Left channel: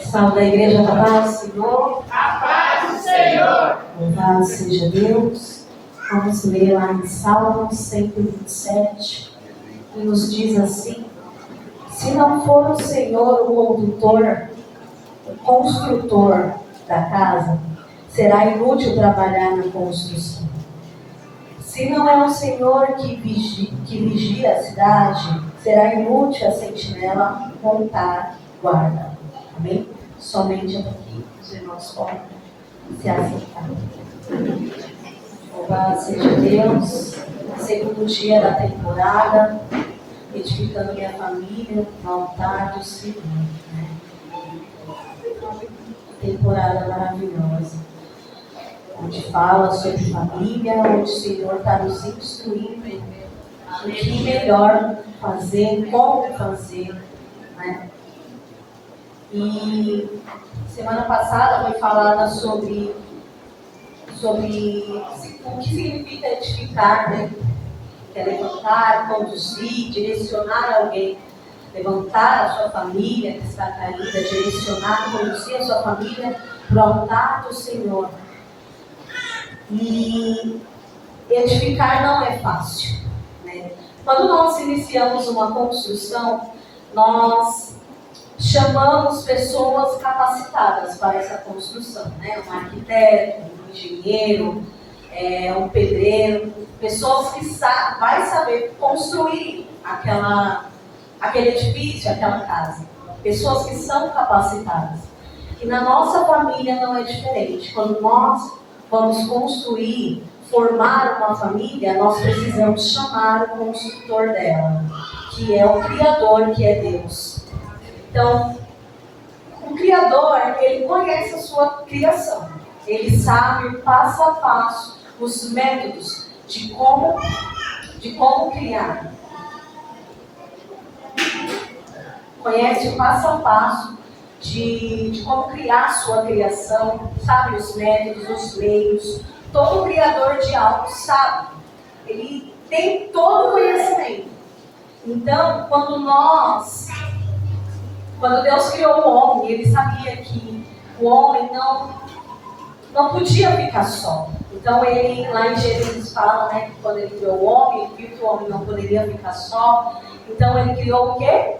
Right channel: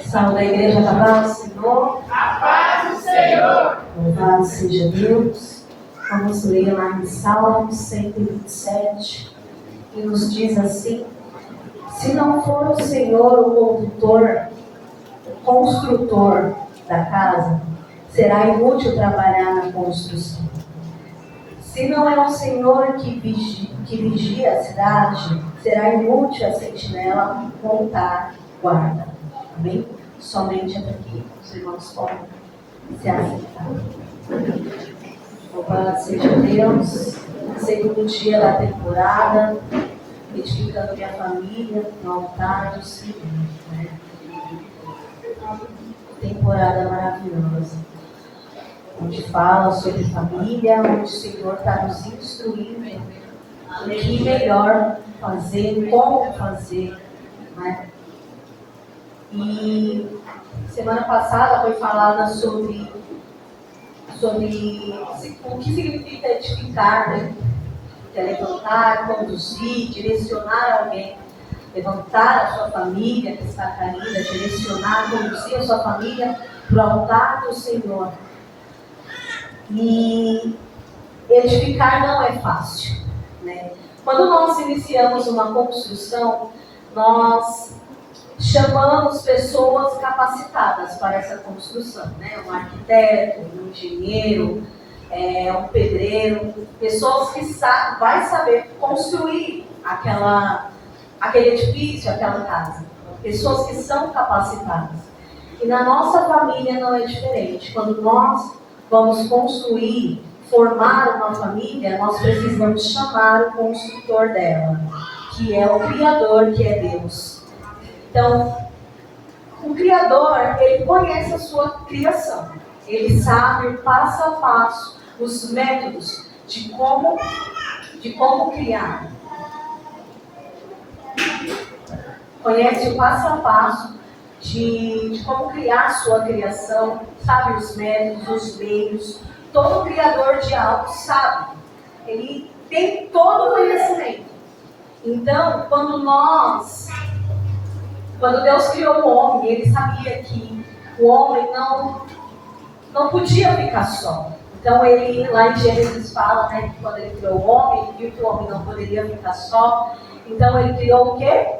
Salve a igreja da paz do Senhor. A paz do Senhor. Louvado seja Deus. Vamos ler lá em Salmo 127, que nos diz assim: se não for o Senhor o condutor, o construtor da casa, será inútil trabalhar na construção. Se não é o Senhor que vigia a cidade, será inútil a sentinela montar guarda. Amém? Somente até aqui os irmãos podem se aceitar. Louvado seja Deus. Segundo dia da temporada, edificando minha família no altar do Senhor. Né? Temporada maravilhosa, onde fala sobre família, onde o Senhor está nos instruindo o que melhor fazer, como fazer, né? E semana passada foi falada sobre o que significa edificar, né? Que é levantar, conduzir, direcionar alguém, levantar a sua família que está caída, direcionar, conduzir a sua família para o altar do Senhor. E edificar não é fácil, né? Quando nós iniciamos uma construção, nós chamamos pessoas capacitadas para essa construção, né? Um arquiteto, um engenheiro, um pedreiro, pessoas que vai saber construir aquele edifício, aquela casa. Pessoas que são capacitadas. E na nossa família não é diferente. Quando nós vamos construir, formar uma família, nós precisamos chamar o construtor dela, que é o Criador, que é Deus. Então, o Criador, ele conhece a sua criação. Ele sabe o passo a passo, os métodos de como criar. Conhece o passo a passo de como criar a sua criação, sabe os métodos, os meios. Todo criador de algo sabe. Ele tem todo o conhecimento. Então, quando Deus criou o homem, ele sabia que o homem não podia ficar só. Então, ele, lá em Gênesis fala, né, que quando ele criou o homem, ele viu que o homem não poderia ficar só. Então, ele criou o quê?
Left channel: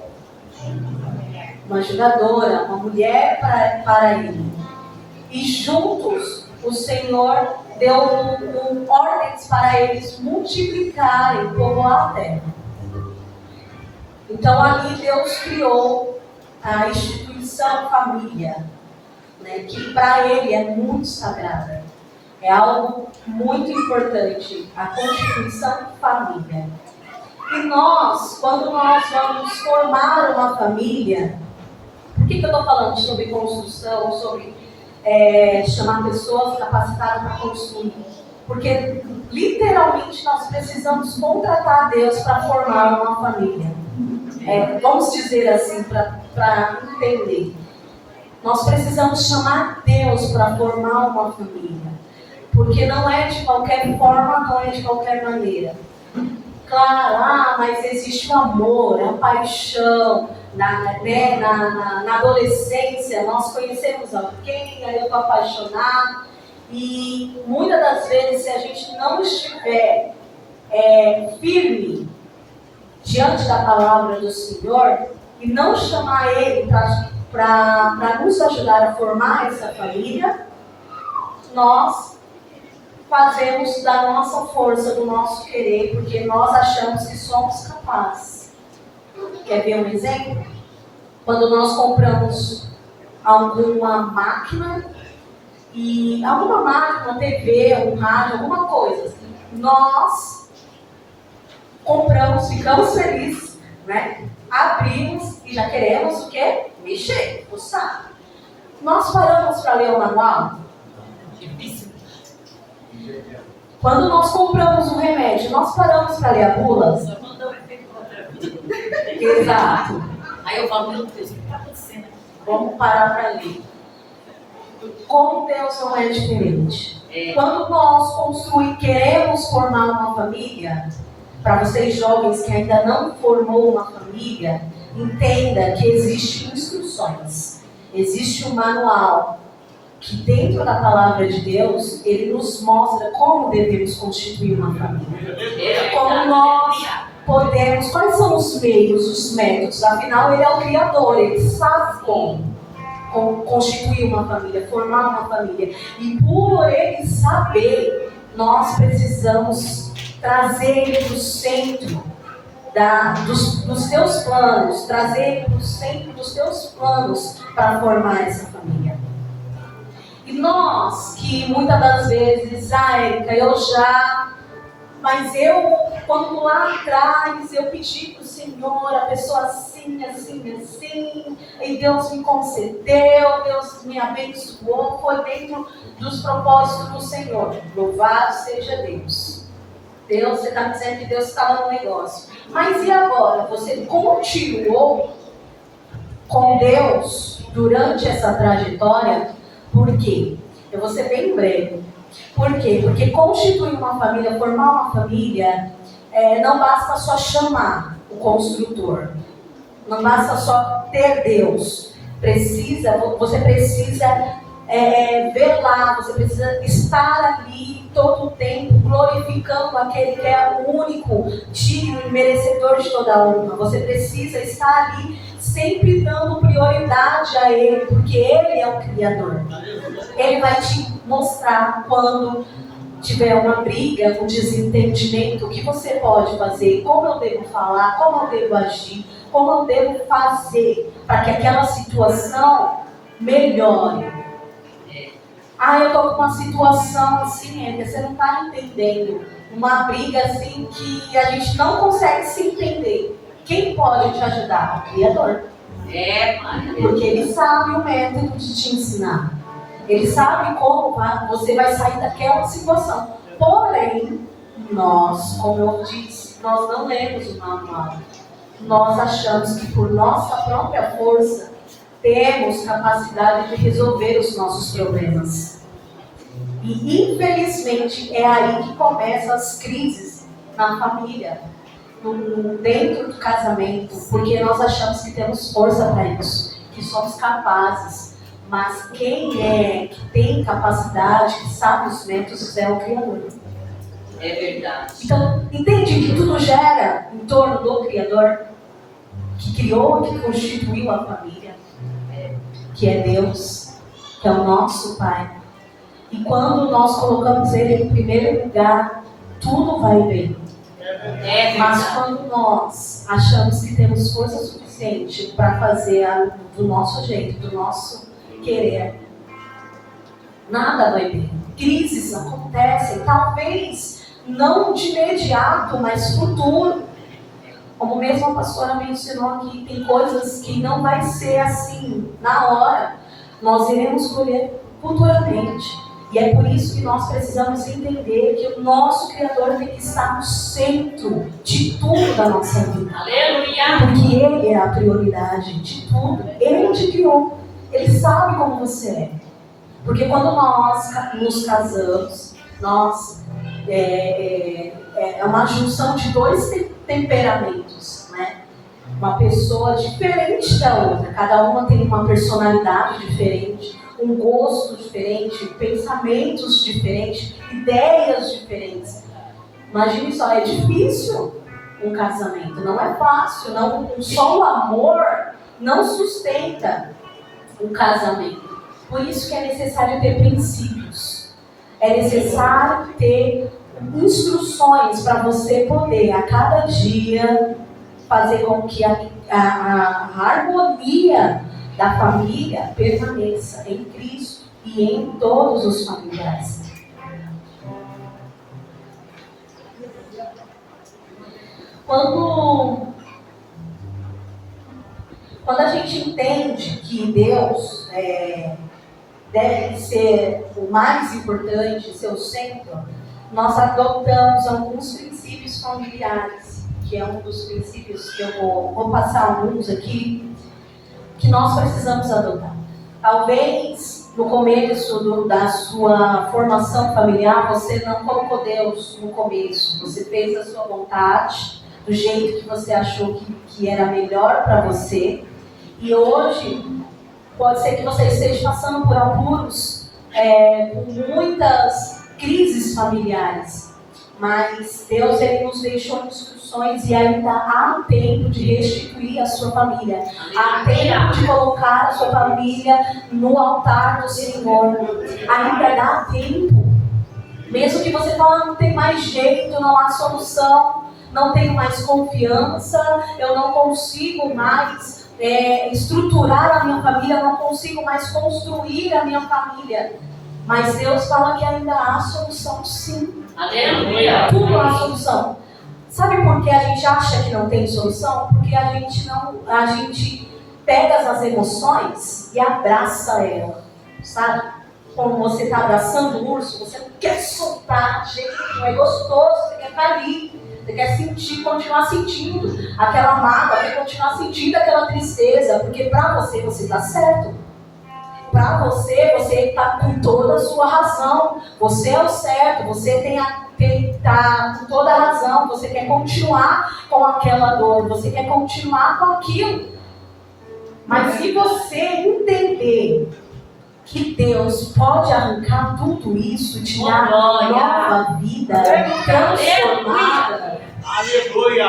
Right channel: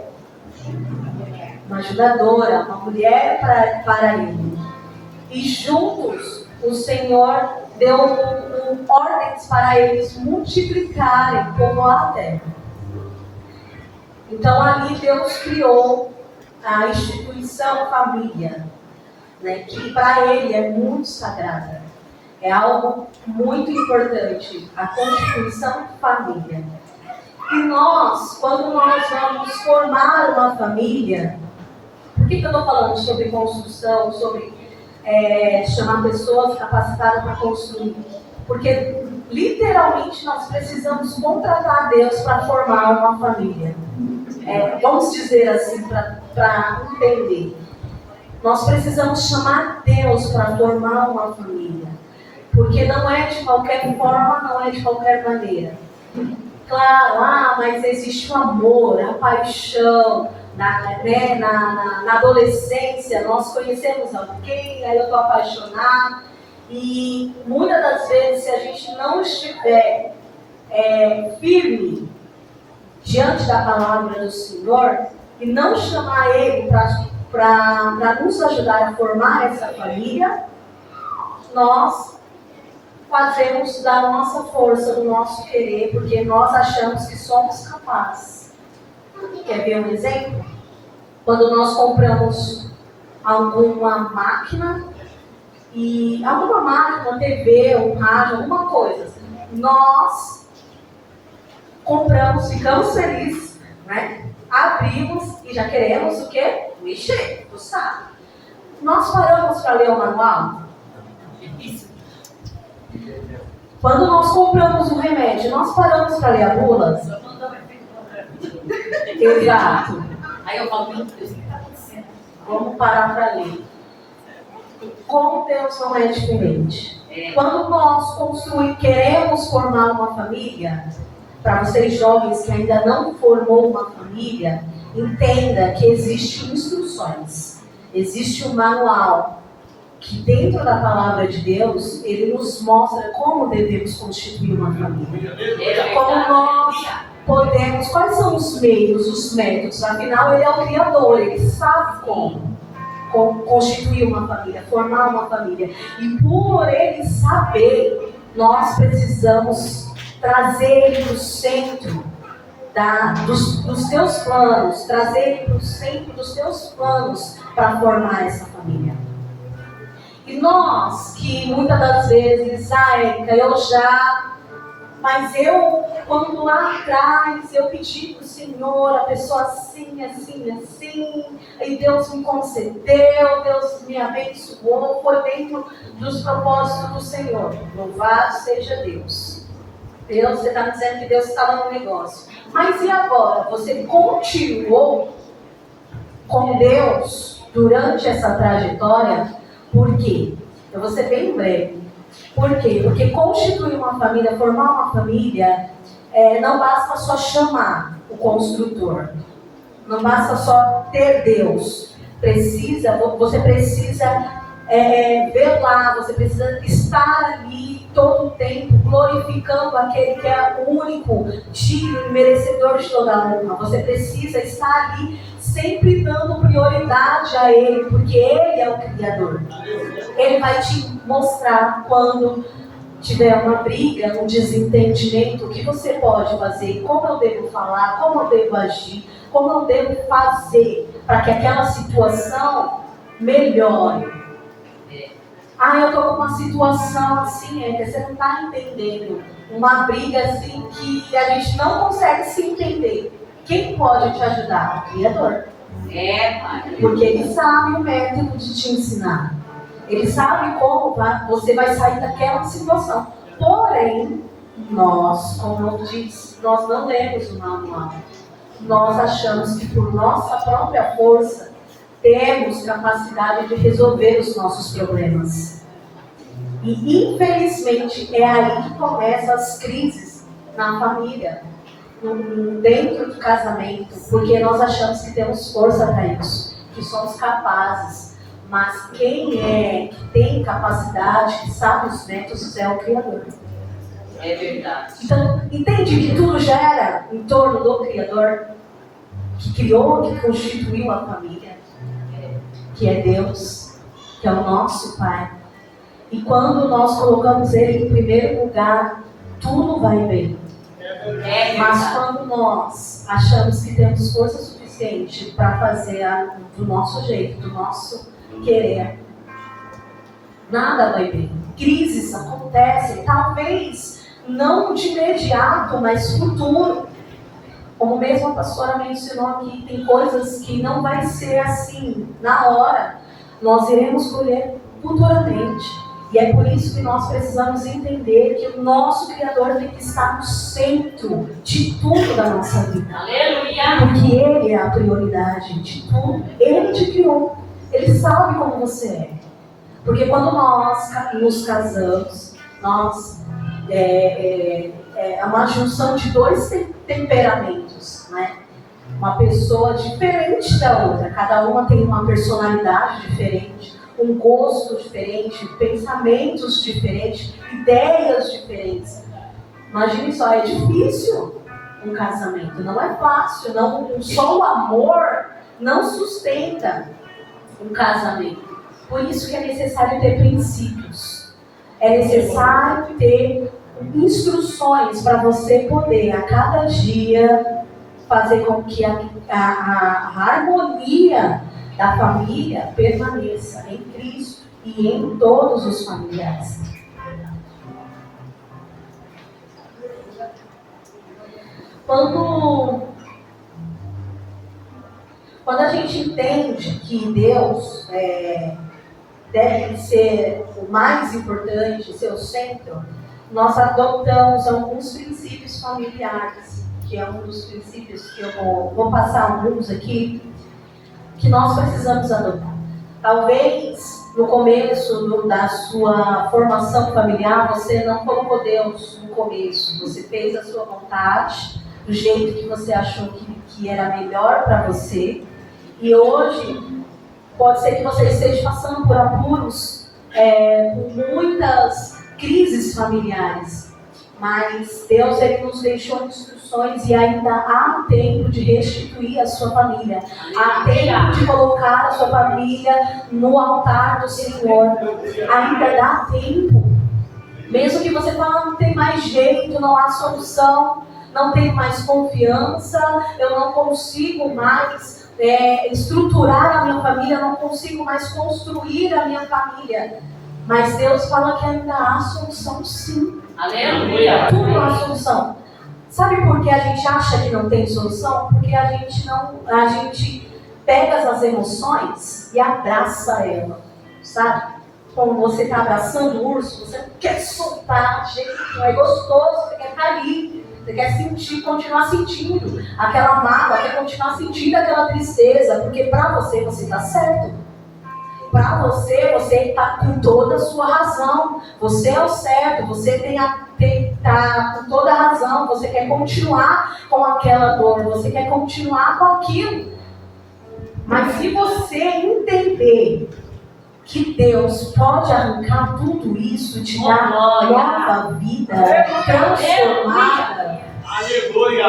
Uma ajudadora, uma mulher para ele. E juntos, o Senhor deu ordens para eles multiplicarem, povoar a terra. Então, ali Deus criou a instituição família, né, que para ele é muito sagrada. É algo muito importante, a constituição família. E nós, quando nós vamos formar uma família, por que eu estou falando sobre construção, sobre chamar pessoas capacitadas para construir? Porque literalmente nós precisamos contratar Deus para formar uma família. Vamos dizer assim, para entender. Nós precisamos chamar Deus para formar uma família. Porque não é de qualquer forma, não é de qualquer maneira. Claro, mas existe o amor, a paixão. Na adolescência, nós conhecemos alguém, aí eu estou apaixonado. E muitas das vezes, se a gente não estiver firme diante da palavra do Senhor e não chamar Ele para nos ajudar a formar essa família, nós fazemos da nossa força, do nosso querer, porque nós achamos que somos capazes. Quer ver um exemplo? Quando nós compramos alguma máquina, TV, um rádio, alguma coisa, nós compramos, ficamos felizes, né? Abrimos e já queremos o quê? Mexer, fuçar. Nós paramos para ler o manual? Difícil. Quando nós compramos um remédio, nós paramos para ler a bula? Só mandou efeito contra. Exato. Aí eu falo, meu Deus, o que está acontecendo? Vamos parar para ler. Como Deus não é diferente. Quando nós queremos formar uma família, para vocês jovens que ainda não formou uma família, entenda que existem instruções. Existe um manual que dentro da palavra de Deus, ele nos mostra como devemos constituir uma família. Como nós podemos, quais são os meios, os métodos. Afinal, ele é o Criador, ele sabe como constituir uma família, formar uma família. E por ele saber, nós precisamos trazer ele para o centro dos teus planos, trazer ele para o centro dos teus planos para formar essa família. E nós, que muitas das vezes, Érica, mas eu, quando lá atrás eu pedi para o Senhor, a pessoa assim, e Deus me concedeu, Deus me abençoou, foi dentro dos propósitos do Senhor. Louvado seja Deus. Deus, você está me dizendo que Deus estava no negócio. Mas e agora? Você continuou com Deus durante essa trajetória? Por quê? Eu vou ser bem breve. Por quê? Porque constituir uma família, formar uma família, não basta só chamar o construtor. Não basta só ter Deus. Você precisa velar, você precisa estar ali todo o tempo glorificando aquele que é o único, digno e merecedor de toda a honra. Você precisa estar ali sempre dando prioridade a Ele, porque Ele é o Criador. Ele vai te mostrar quando tiver uma briga, um desentendimento, o que você pode fazer, como eu devo falar, como eu devo agir, como eu devo fazer para que aquela situação melhore. Eu estou com uma situação assim, você não está entendendo. Uma briga assim que a gente não consegue se entender. Quem pode te ajudar? O Criador. Porque Ele sabe o método de te ensinar. Ele sabe como você vai sair daquela situação. Porém, nós, como eu disse, nós não lemos o manual. Nós achamos que por nossa própria força temos capacidade de resolver os nossos problemas. E infelizmente é aí que começam as crises na família, dentro do casamento, porque nós achamos que temos força para isso, que somos capazes. Mas quem que tem capacidade, que sabe os métodos, é o Criador. É verdade. Então, entende que tudo gera em torno do Criador, que criou, que constituiu a família, que é Deus, que é o nosso Pai. E quando nós colocamos Ele em primeiro lugar, tudo vai bem. Mas quando nós achamos que temos força suficiente para fazer do nosso jeito, do nosso querer, nada vai bem. Crises acontecem, talvez não de imediato, mas futuro. Como mesmo a pastora mencionou aqui, tem coisas que não vai ser assim na hora. Nós iremos colher futuramente. E é por isso que nós precisamos entender que o nosso Criador tem que estar no centro de tudo da nossa vida. Aleluia! Porque Ele é a prioridade de tudo. Ele te criou. Ele sabe como você é. Porque quando nós nos casamos, é uma junção de dois temperamentos, né? Uma pessoa diferente da outra. Cada uma tem uma personalidade diferente, um gosto diferente, pensamentos diferentes, ideias diferentes. Imagine só, é difícil um casamento, não é fácil, só o amor não sustenta um casamento. Por isso que é necessário ter princípios, é necessário ter instruções para você poder a cada dia fazer com que a harmonia da família permaneça em Cristo e em todos os familiares. Quando a gente entende que Deus deve ser o mais importante, ser o centro, nós adotamos alguns princípios familiares, que é um dos princípios que eu vou passar alguns aqui, que nós precisamos adotar. Talvez no começo da sua formação familiar, você não colocou Deus no começo, você fez a sua vontade, do jeito que você achou que era melhor para você, e hoje Pode ser que você esteja passando por apuros, por muitas crises familiares. Mas Deus, Ele nos deixou instruções e ainda há tempo de restituir a sua família. Há tempo de colocar a sua família no altar do Senhor. Ainda dá tempo. Mesmo que você fale, não tem mais jeito, não há solução, não tenho mais confiança, eu não consigo mais estruturar a minha família, eu não consigo mais construir a minha família. Mas Deus fala que ainda há solução, sim. Aleluia. Tudo há solução. Sabe por que a gente acha que não tem solução? Porque a gente pega as emoções e abraça ela, sabe? Quando você está abraçando o urso, você não quer soltar, de jeito nenhum, é gostoso, você quer ficar ali, você quer sentir, continuar sentindo aquela mágoa, quer continuar sentindo aquela tristeza, porque para você está certo. Para você está com toda a sua razão, você é o certo, você está com toda a razão, você quer continuar com aquela dor, você quer continuar com aquilo. Mas se você entender que Deus pode arrancar tudo isso e te dar nova vida, transformada,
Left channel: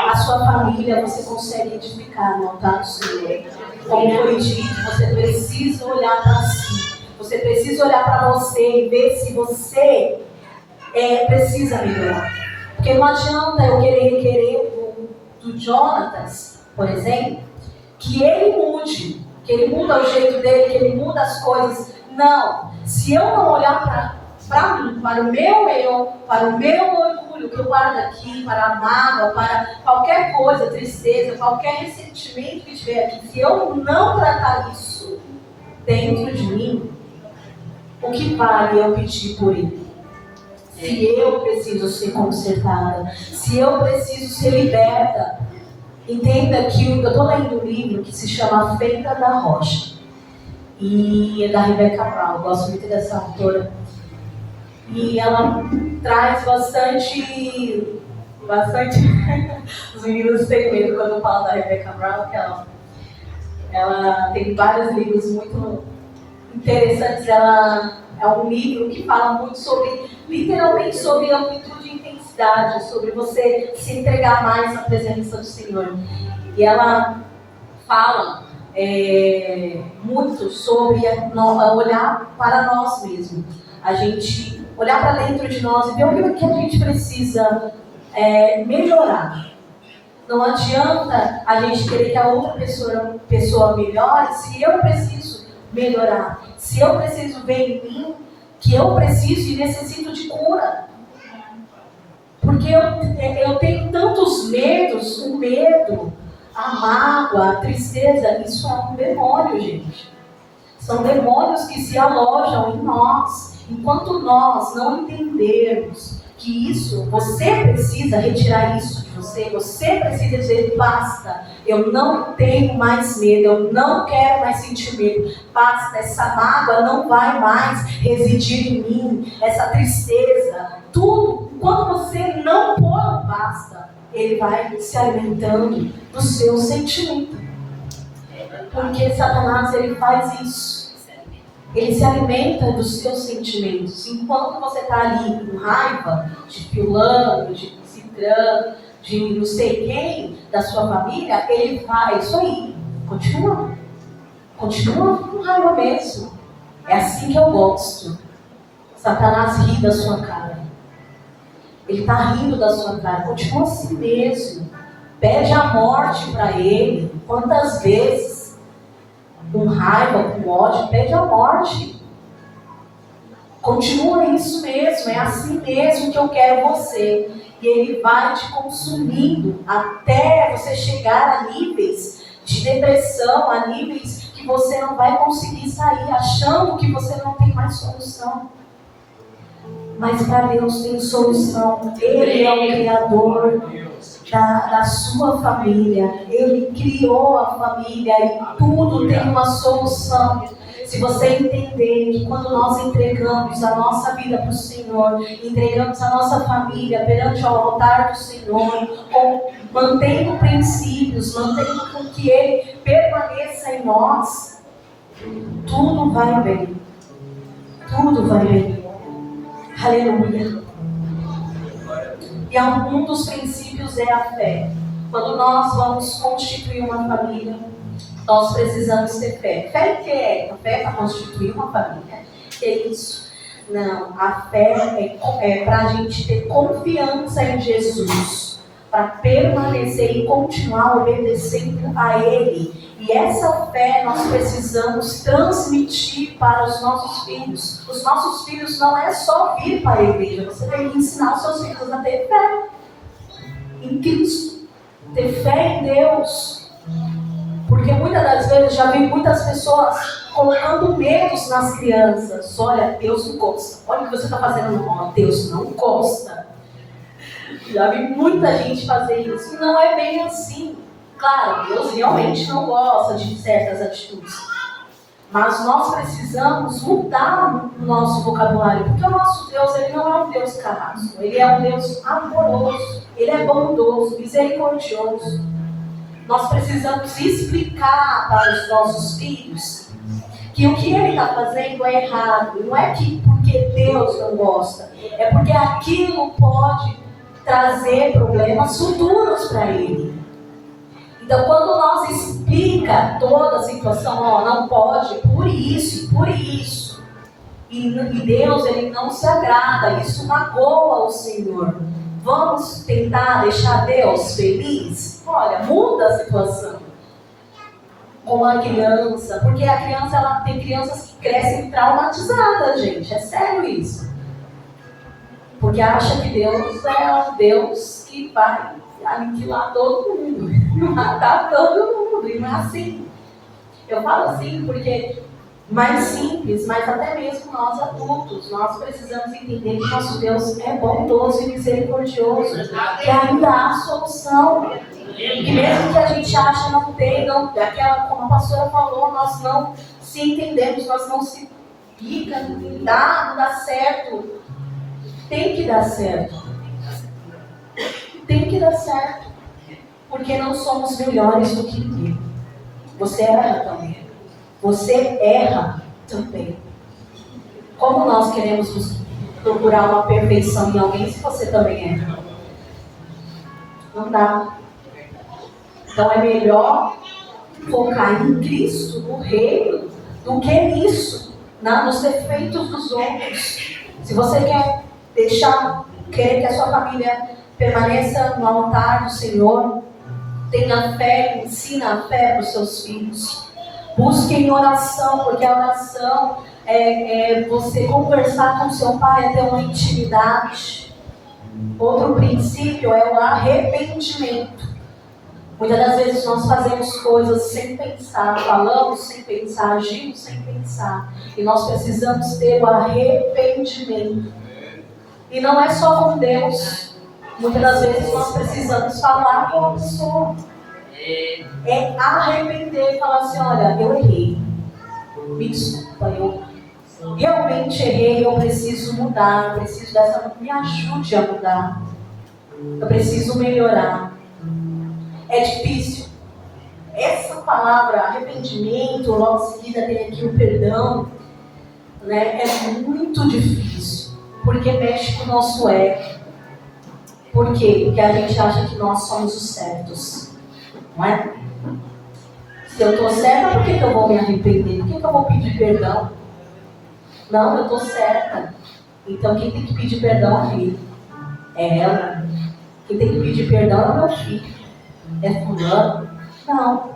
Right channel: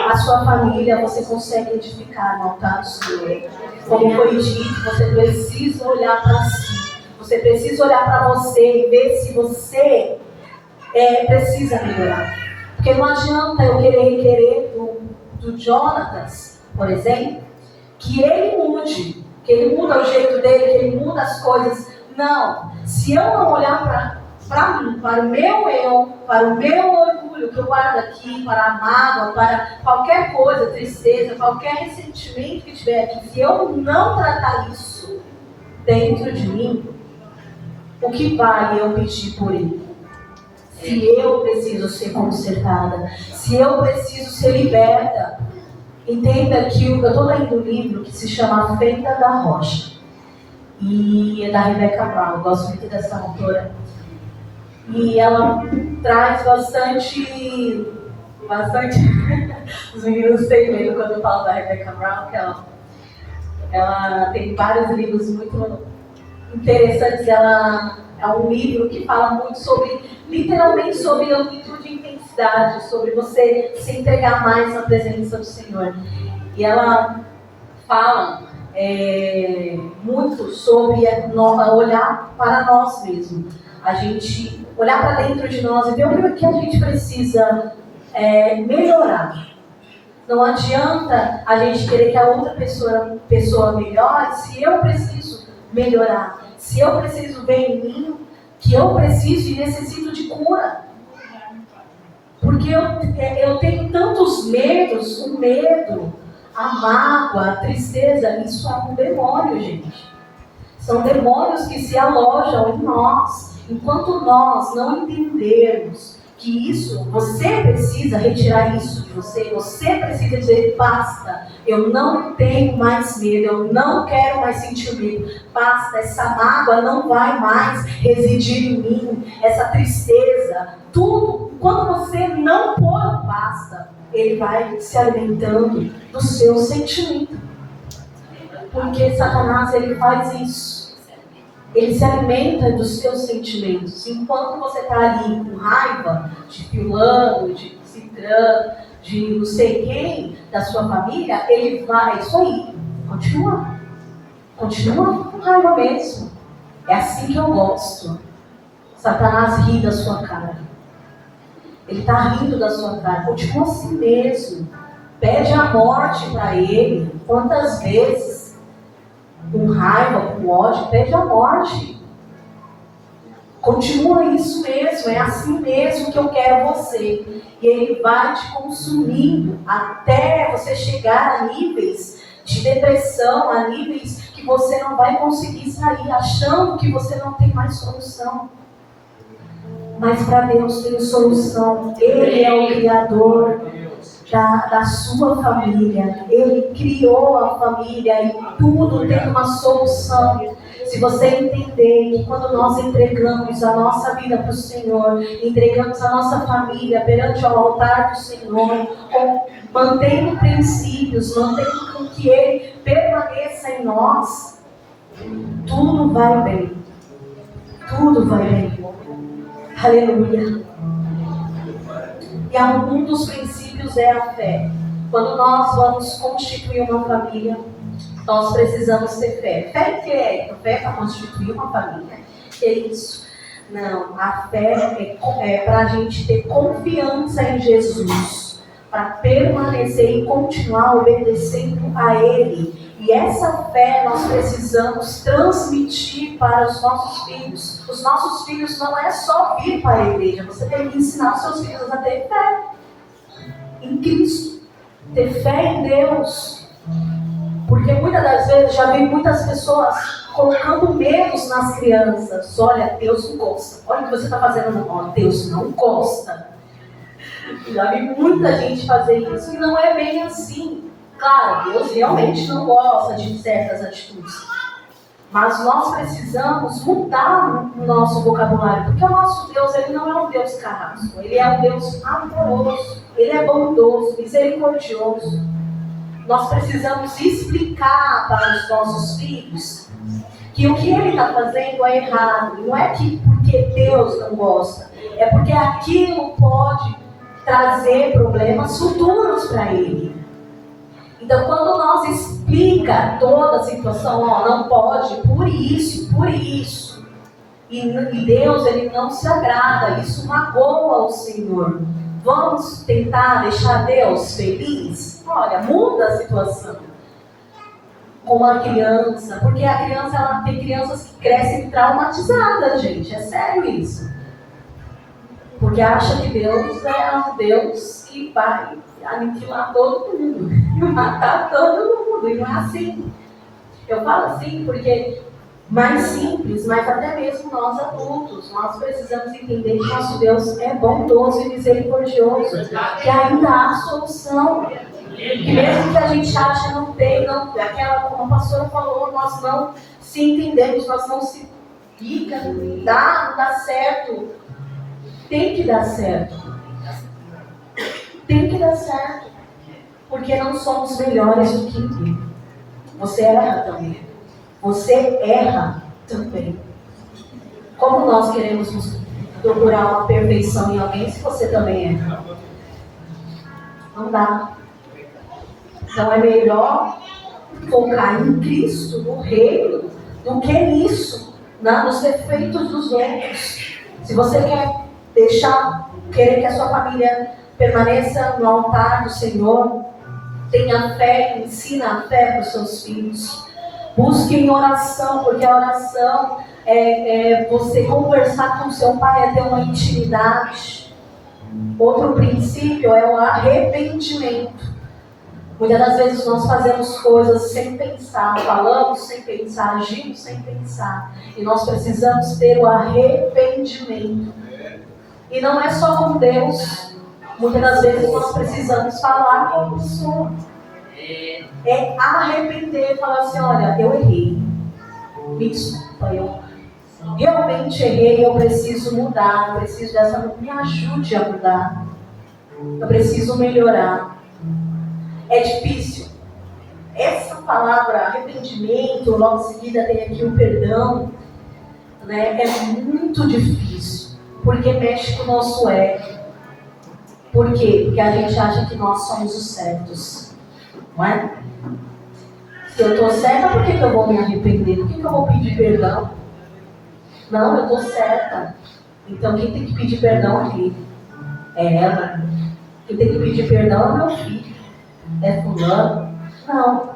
a sua família você consegue edificar no altar do Senhor. Como foi dito, você precisa olhar para si, você precisa olhar para você e ver se você precisa melhorar. Porque não adianta eu querer requerer do Jonatas, por exemplo, que ele mude, que ele muda o jeito dele, que ele muda as coisas. Não, se eu não olhar para mim, para o meu eu, para o meu orgulho que eu guardo aqui, para a mágoa, para qualquer coisa, tristeza, qualquer ressentimento que tiver aqui, se eu não tratar isso dentro de mim, o que vale eu pedir por ele? Se eu preciso ser consertada, se eu preciso ser liberta. Entenda que eu estou lendo um livro que se chama Feita da Rocha. E é da Rebecca Brown, eu gosto muito dessa autora. E ela traz bastante os meninos têm medo quando eu falo da Rebecca Brown, que ela tem vários livros muito interessantes. Ela é um livro que fala muito literalmente sobre amplitude e intensidade, sobre você se entregar mais na presença do Senhor. E ela fala muito sobre olhar para nós mesmos. A gente olhar para dentro de nós e ver o que a gente precisa melhorar. Não adianta a gente querer que a outra pessoa melhore se eu preciso melhorar. Se eu preciso ver em mim que eu preciso e necessito de cura. Porque eu tenho tantos medos, o medo, a mágoa, a tristeza, isso é um demônio, gente. São demônios que se alojam em nós. Enquanto nós não entendermos que isso, você precisa retirar isso de você precisa dizer, basta, eu não tenho mais medo, eu não quero mais sentir medo, basta, essa mágoa não vai mais residir em mim, essa tristeza, tudo, quando você não pôr basta, ele vai se alimentando do seu sentimento. Porque Satanás, ele faz isso. Ele se alimenta dos seus sentimentos. Enquanto você está ali com raiva de fulano, de cicrano, de não sei quem, da sua família, ele vai, isso aí, continua com raiva mesmo. É assim que eu gosto. Satanás ri da sua cara. Ele está rindo da sua cara. Continua assim mesmo. Pede a morte para ele. Quantas vezes? Com raiva, com ódio, pede a morte. Continua isso mesmo, é assim mesmo que eu quero você. E ele vai te consumindo até você chegar a níveis de depressão, a níveis que você não vai conseguir sair, achando que você não tem mais solução. Mas para Deus tem solução. Ele é o Criador da sua família. Ele criou a família e tudo tem uma solução. Se você entender que quando nós entregamos a nossa vida para o Senhor, entregamos a nossa família perante o altar do Senhor, mantendo princípios, mantendo com que Ele permaneça em nós, tudo vai bem. Tudo vai bem. Aleluia. E um dos princípios é a fé. Quando nós vamos constituir uma família, nós precisamos ter fé. Fé que é? A fé para constituir uma família. Que é isso? Não, a fé é para a gente ter confiança em Jesus, para permanecer e continuar obedecendo a Ele. E essa fé nós precisamos transmitir para os nossos filhos. Os nossos filhos não é só vir para a igreja, você tem que ensinar os seus filhos a ter fé em Cristo, ter fé em Deus. Porque muitas das vezes já vi muitas pessoas colocando medos nas crianças. Olha, Deus não gosta. Olha o que você está fazendo. Olha, Deus não gosta. Já vi muita gente fazer isso. E não é bem assim. Claro, Deus realmente não gosta de certas atitudes. Mas nós precisamos mudar o nosso vocabulário. Porque o nosso Deus, ele não é um Deus carrasco. Ele é um Deus amoroso. Ele é bondoso, misericordioso. Nós precisamos explicar para os nossos filhos que o que ele está fazendo é errado. Não é que porque Deus não gosta. É porque aquilo pode trazer problemas futuros para ele. Então, quando nós explica toda a situação, ó, não pode, por isso. E Deus, ele não se agrada. Isso magoa o Senhor. Vamos tentar deixar Deus feliz? Olha, muda a situação. Como a criança, porque a criança, ela tem crianças que crescem traumatizadas, gente. É sério isso. Porque acha que Deus é um Deus que vai aniquilar todo mundo, matar todo mundo. E não é assim. Eu falo assim porque mais simples, mas até mesmo nós adultos, nós precisamos entender que nosso Deus é bondoso e misericordioso, que ainda há solução, que mesmo que a gente ache não tem, aquela, como a pastora falou, nós não se entendemos, nós não se fica, não dá certo, tem que dar certo, porque não somos melhores do que ninguém. Você erra também. Como nós queremos procurar uma perfeição em alguém se você também erra? Não dá. Então é melhor focar em Cristo, no reino, do que nisso, nos defeitos dos outros. Se você quer querer que a sua família permaneça no altar do Senhor, tenha fé, ensina a fé para os seus filhos. Busque em oração, porque a oração é você conversar com seu pai, é ter uma intimidade. Outro princípio é o arrependimento. Muitas das vezes nós fazemos coisas sem pensar, falamos sem pensar, agimos sem pensar. E nós precisamos ter o arrependimento. E não é só com Deus. Muitas das vezes nós precisamos falar com a pessoa. É arrepender, falar assim, olha, eu errei. Me desculpa, eu realmente errei, eu preciso mudar, eu preciso me ajude a mudar. Eu preciso melhorar. É difícil. Essa palavra arrependimento, logo em seguida tem aqui o perdão, né? É muito difícil, porque mexe com o nosso ego. Por quê? Porque a gente acha que nós somos os certos, não é? Se eu estou certa, por que eu vou me arrepender? Por que eu vou pedir perdão? Não, eu estou certa. Então quem tem que pedir perdão é ele. É ela. Quem tem que pedir perdão é meu filho. É fulano? Não.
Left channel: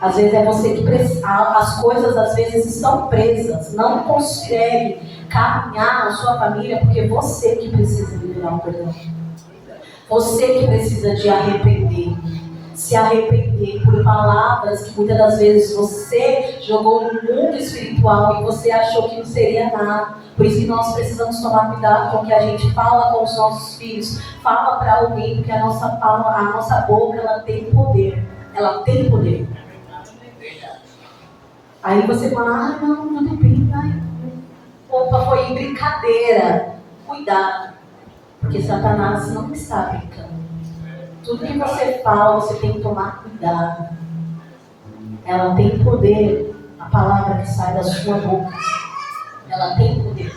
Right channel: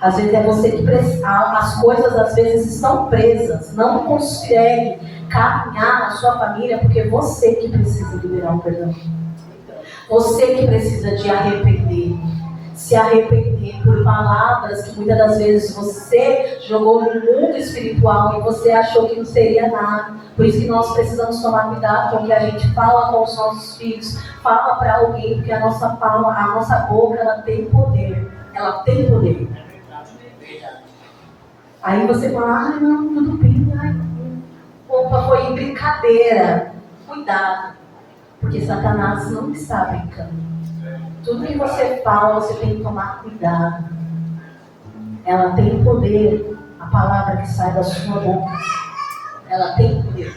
Às vezes é você que precisa. As coisas às vezes estão presas. Não consegue caminhar na sua família porque você que precisa liberar o perdão. Você que precisa de arrepender. Se arrepender por palavras que muitas das vezes você jogou no mundo espiritual e você achou que não seria nada. Por isso que nós precisamos tomar cuidado com o que a gente fala com os nossos filhos. Fala para alguém, porque a nossa boca, ela tem poder. Ela tem poder. Aí você fala, não, tudo bem. Opa, foi em brincadeira. Cuidado, porque Satanás não está brincando. Tudo que você fala, você tem que tomar cuidado. Ela tem poder. A palavra que sai da sua boca, ela tem poder.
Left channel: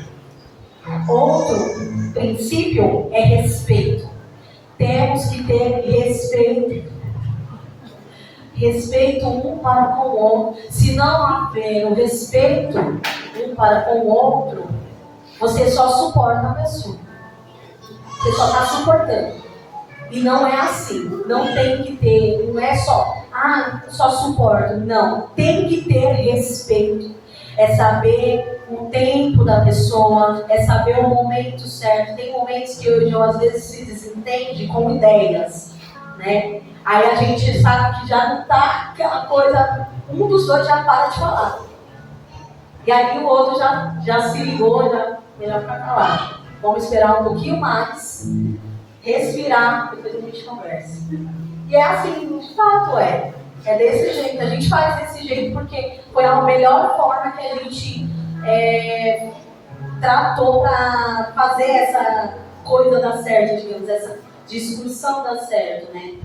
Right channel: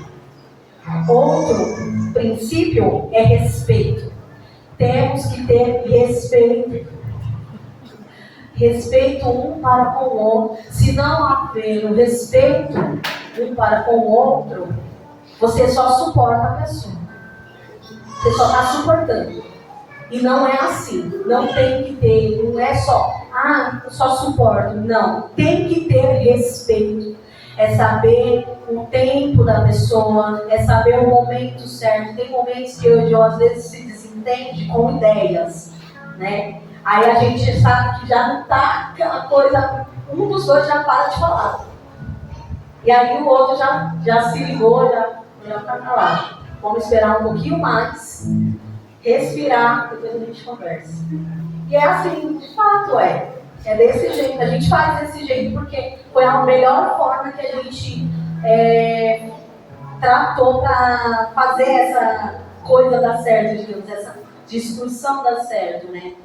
Outro princípio é respeito. Temos que ter respeito. Respeito um para com o outro. Se não haver o respeito um para com o outro, você só suporta a pessoa. Você só está suportando. E não é assim. Não tem que ter, não é só, eu só suporto. Não. Tem que ter respeito. É saber o tempo da pessoa, é saber o momento certo. Tem momentos que eu às vezes se desentende com ideias, né? Aí a gente sabe que já não está aquela coisa, um dos dois já para de falar. E aí o outro já se ligou, já fica calado. Vamos esperar um pouquinho mais, respirar, depois a gente conversa. E é assim, de fato é. É desse jeito, a gente faz desse jeito porque foi a melhor forma que a gente tratou para fazer essa coisa dar certo, digamos, essa discussão dar certo, né?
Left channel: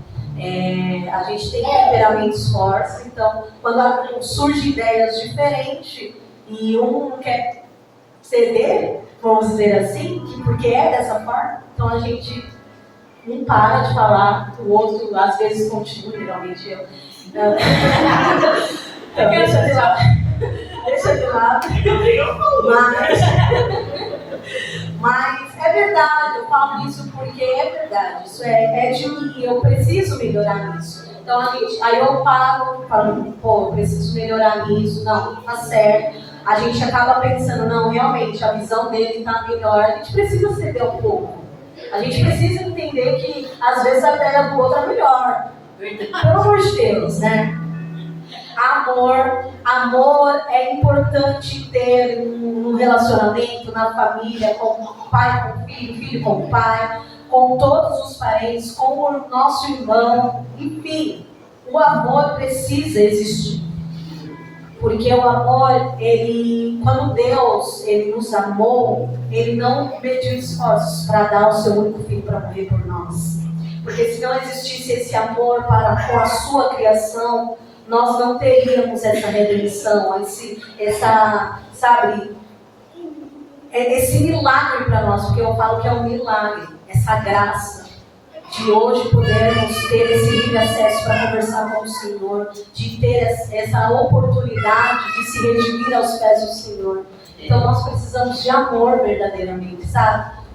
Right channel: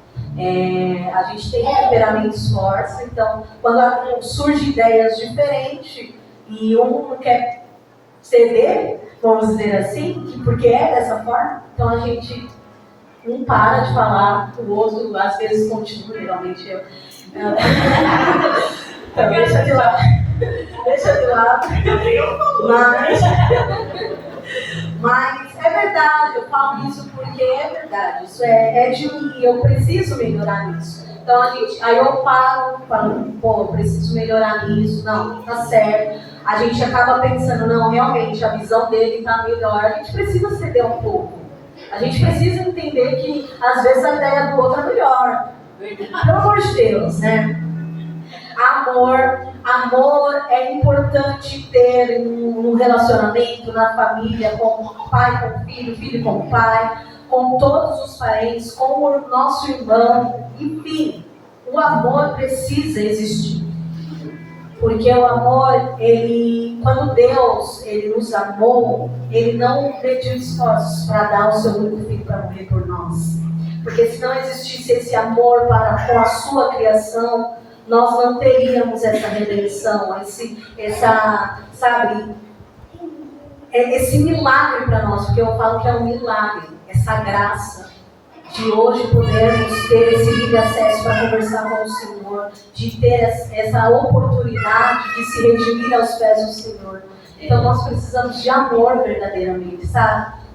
A gente tem temperamentos fortes, então quando surgem ideias diferentes e um não quer ceder, vamos dizer assim, porque é dessa forma, então a gente um para de falar, o outro às vezes continua, geralmente eu. Então deixa de lado. Deixa de lado. Mas é verdade, eu falo isso porque é verdade. Isso é de mim, eu preciso melhorar nisso. Então aí eu falo, eu preciso melhorar nisso, não, tá certo. A gente acaba pensando, não, realmente a visão dele tá melhor, a gente precisa ceder um pouco. A gente precisa entender que às vezes a ideia do outro é melhor. Pelo amor de Deus, né? Amor é importante ter no relacionamento, na família, com pai com filho, filho com pai, com todos os parentes, com o nosso irmão, enfim, o amor precisa existir. Porque o amor, quando Deus nos amou, Ele não mediu esforços para dar o seu único filho para morrer por nós. Porque se não existisse esse amor com a sua criação, nós não teríamos essa redenção, esse milagre para nós, porque eu falo que é um milagre, essa graça de hoje podermos ter esse livre acesso para conversar com o Senhor, de ter essa oportunidade de se redimir aos pés do Senhor. Então nós precisamos de amor verdadeiramente, sabe?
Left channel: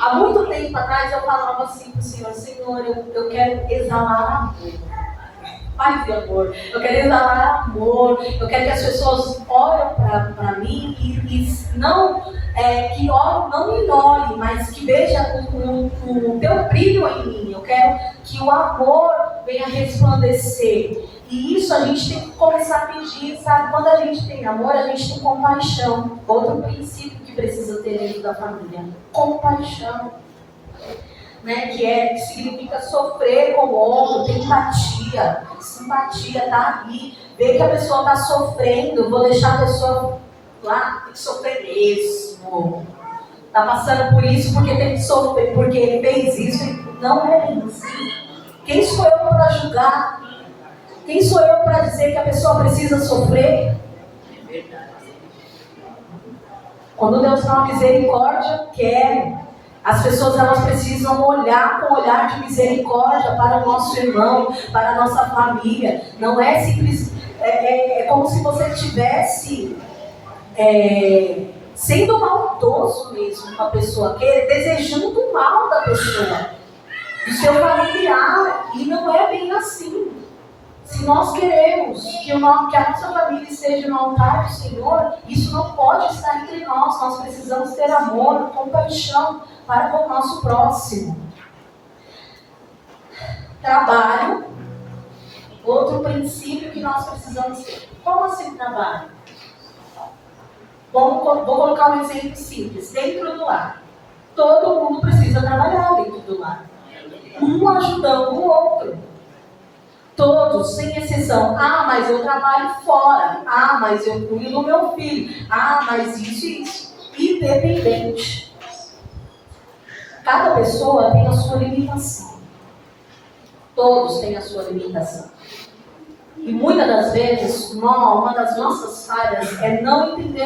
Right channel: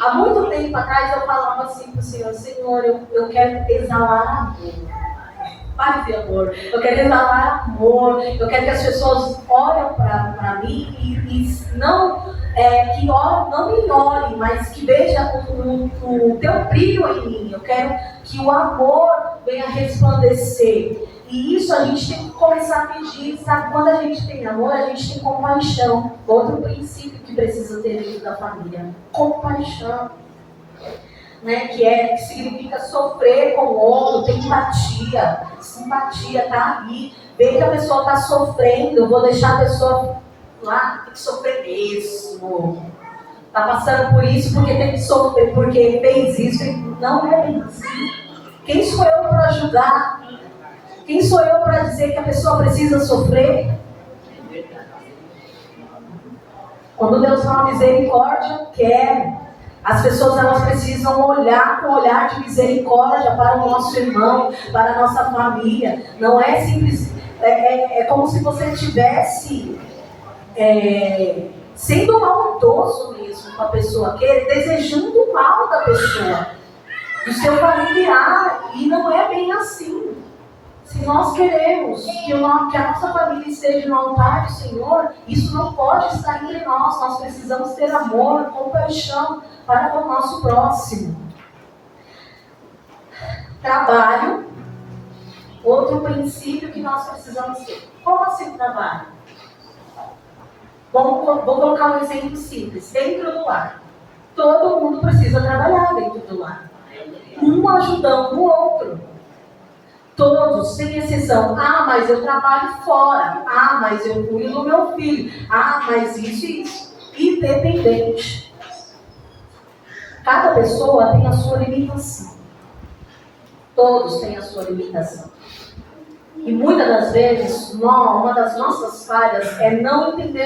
Há muito tempo atrás eu falava assim para o Senhor, Senhor, eu quero exalar amor. Paz e amor, eu quero exalar amor, eu quero que as pessoas olhem para mim e não me olhem, mas que vejam o teu brilho em mim. Eu quero que o amor venha resplandecer. E isso a gente tem que começar a pedir, sabe? Quando a gente tem amor, a gente tem compaixão. Outro princípio que precisa ter dentro da família, compaixão. Né, que significa sofrer com o outro, ter empatia, simpatia, tá ali, ver que a pessoa está sofrendo, vou deixar a pessoa lá, tem que sofrer mesmo, está passando por isso porque tem que sofrer, porque ele fez isso, não é bem assim. Quem sou eu para julgar? Quem sou eu para dizer que a pessoa precisa sofrer? Quando Deus fala misericórdia, eu quero. As pessoas elas precisam olhar com olhar de misericórdia para o nosso irmão, para a nossa família. Não é simples, é como se você estivesse sendo maldoso mesmo com a pessoa, desejando o mal da pessoa, do seu familiar, e não é bem assim. Se nós queremos que a nossa família esteja no altar do Senhor, isso não pode estar entre nós. Nós precisamos ter amor, compaixão para com o nosso próximo. Trabalho, outro princípio que nós precisamos ter. Como assim trabalho? Vou colocar um exemplo simples. Dentro do lar. Todo mundo precisa trabalhar dentro do lar. Um ajudando o outro. Todos, sem exceção. Mas eu trabalho fora. Mas eu cuido do meu filho. Mas isso e isso. Independente. Cada pessoa tem a sua limitação. Todos têm a sua limitação. E muitas das vezes, uma das nossas falhas é não entender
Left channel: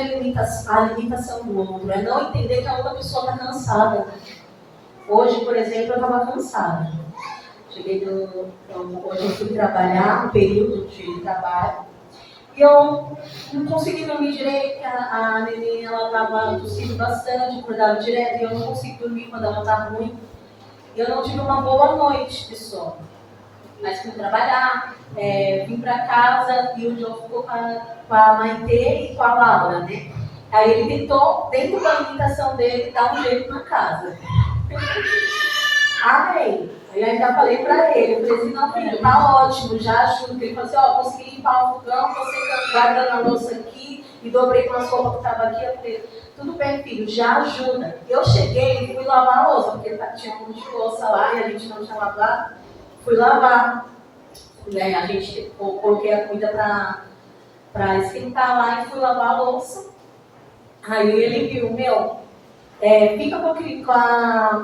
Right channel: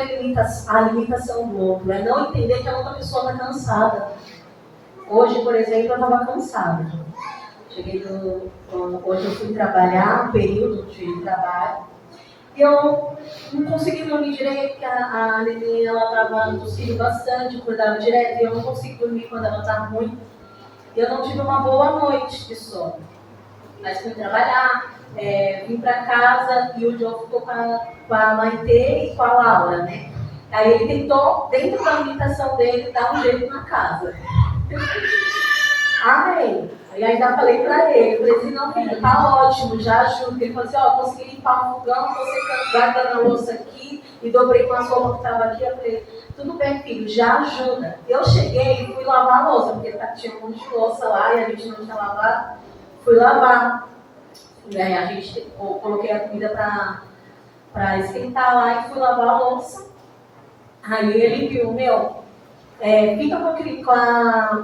a limitação do outro, é não entender que a outra pessoa está cansada. Hoje, por exemplo, eu estava cansada. Hoje eu fui trabalhar, um período de trabalho, e eu não consegui dormir direito, a neném estava tossindo bastante, acordava direto, e eu não consigo dormir quando ela está ruim. E eu não tive uma boa noite de sono. Mas fui trabalhar, vim para casa e o João ficou com a Maitê e com a Laura, né? Aí ele tentou, dentro da limitação dele, dar um jeito na casa. Amém. Aí ainda falei pra ele, eu falei assim, não filho, tá ótimo, já ajuda. Ele falou assim, ó, consegui limpar o fogão, você guardando a louça aqui, e dobrei com as roupas que estavam aqui, eu falei, tudo bem filho, já ajuda. Eu cheguei e fui lavar a louça, porque tinha um monte de louça lá e a gente não tinha lavado. Fui lavar. E aí a gente, coloquei a comida pra esquentar lá e fui lavar a louça. Aí ele viu, fica com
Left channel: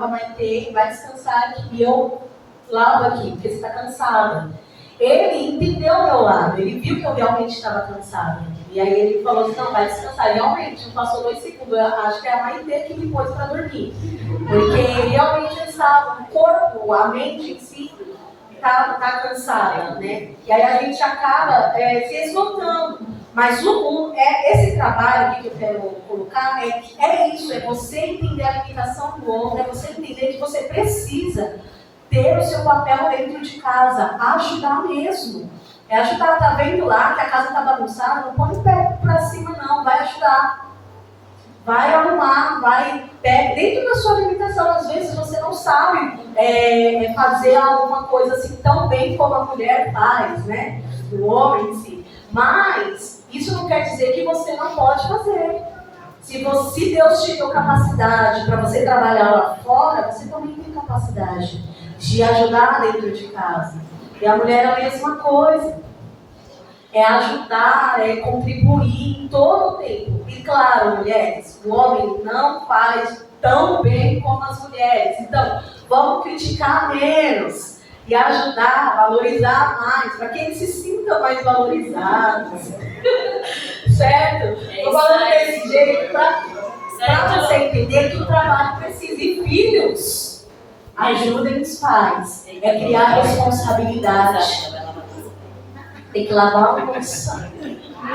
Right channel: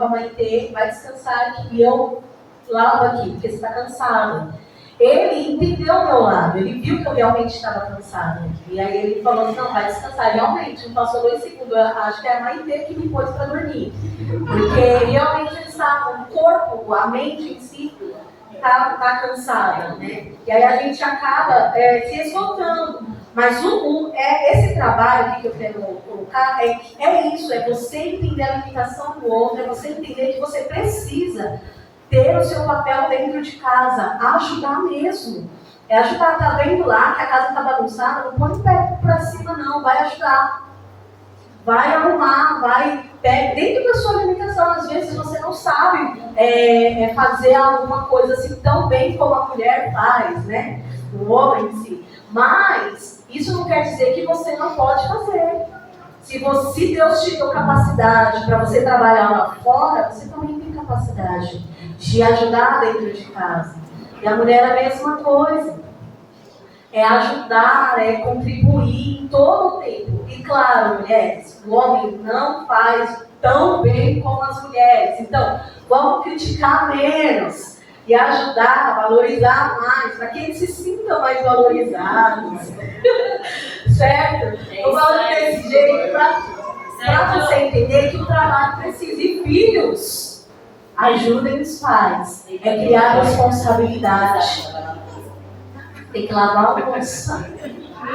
a Maitê, vai descansar aqui, e eu lavo aqui, porque você está cansada. Ele entendeu o meu lado, ele viu que eu realmente estava cansada. E aí ele falou assim, não, vai descansar. E realmente, não passou 2 segundos, eu acho que é a Maitê que me pôs para dormir. Porque realmente ele estava, o corpo, a mente em si, tá cansada, né? E aí a gente acaba se esgotando. Mas esse trabalho aqui que eu quero colocar é isso, é você entender a limitação do outro, é você entender que você precisa ter o seu papel dentro de casa, ajudar mesmo. É ajudar, tá vendo lá que a casa tá bagunçada, não põe o pé pra cima não, vai ajudar. Vai arrumar, dentro da sua limitação. Às vezes você não sabe fazer alguma coisa assim tão bem como a mulher faz, né? O homem em si. Mas isso não quer dizer que você não pode fazer. Se Deus te deu capacidade para você trabalhar lá fora, você também tem capacidade de ajudar dentro de casa. E a mulher é a mesma coisa. É ajudar, é contribuir em todo o tempo. E claro, mulheres, o homem não faz tão bem como as mulheres. Então, vamos criticar menos e ajudar, valorizar mais, para que eles se sintam mais valorizados. Certo? Eu falo desse jeito para você entender que o trabalho precisa. E filhos, ajudem os pais. É criar responsabilidade. Tem que lavar a louça.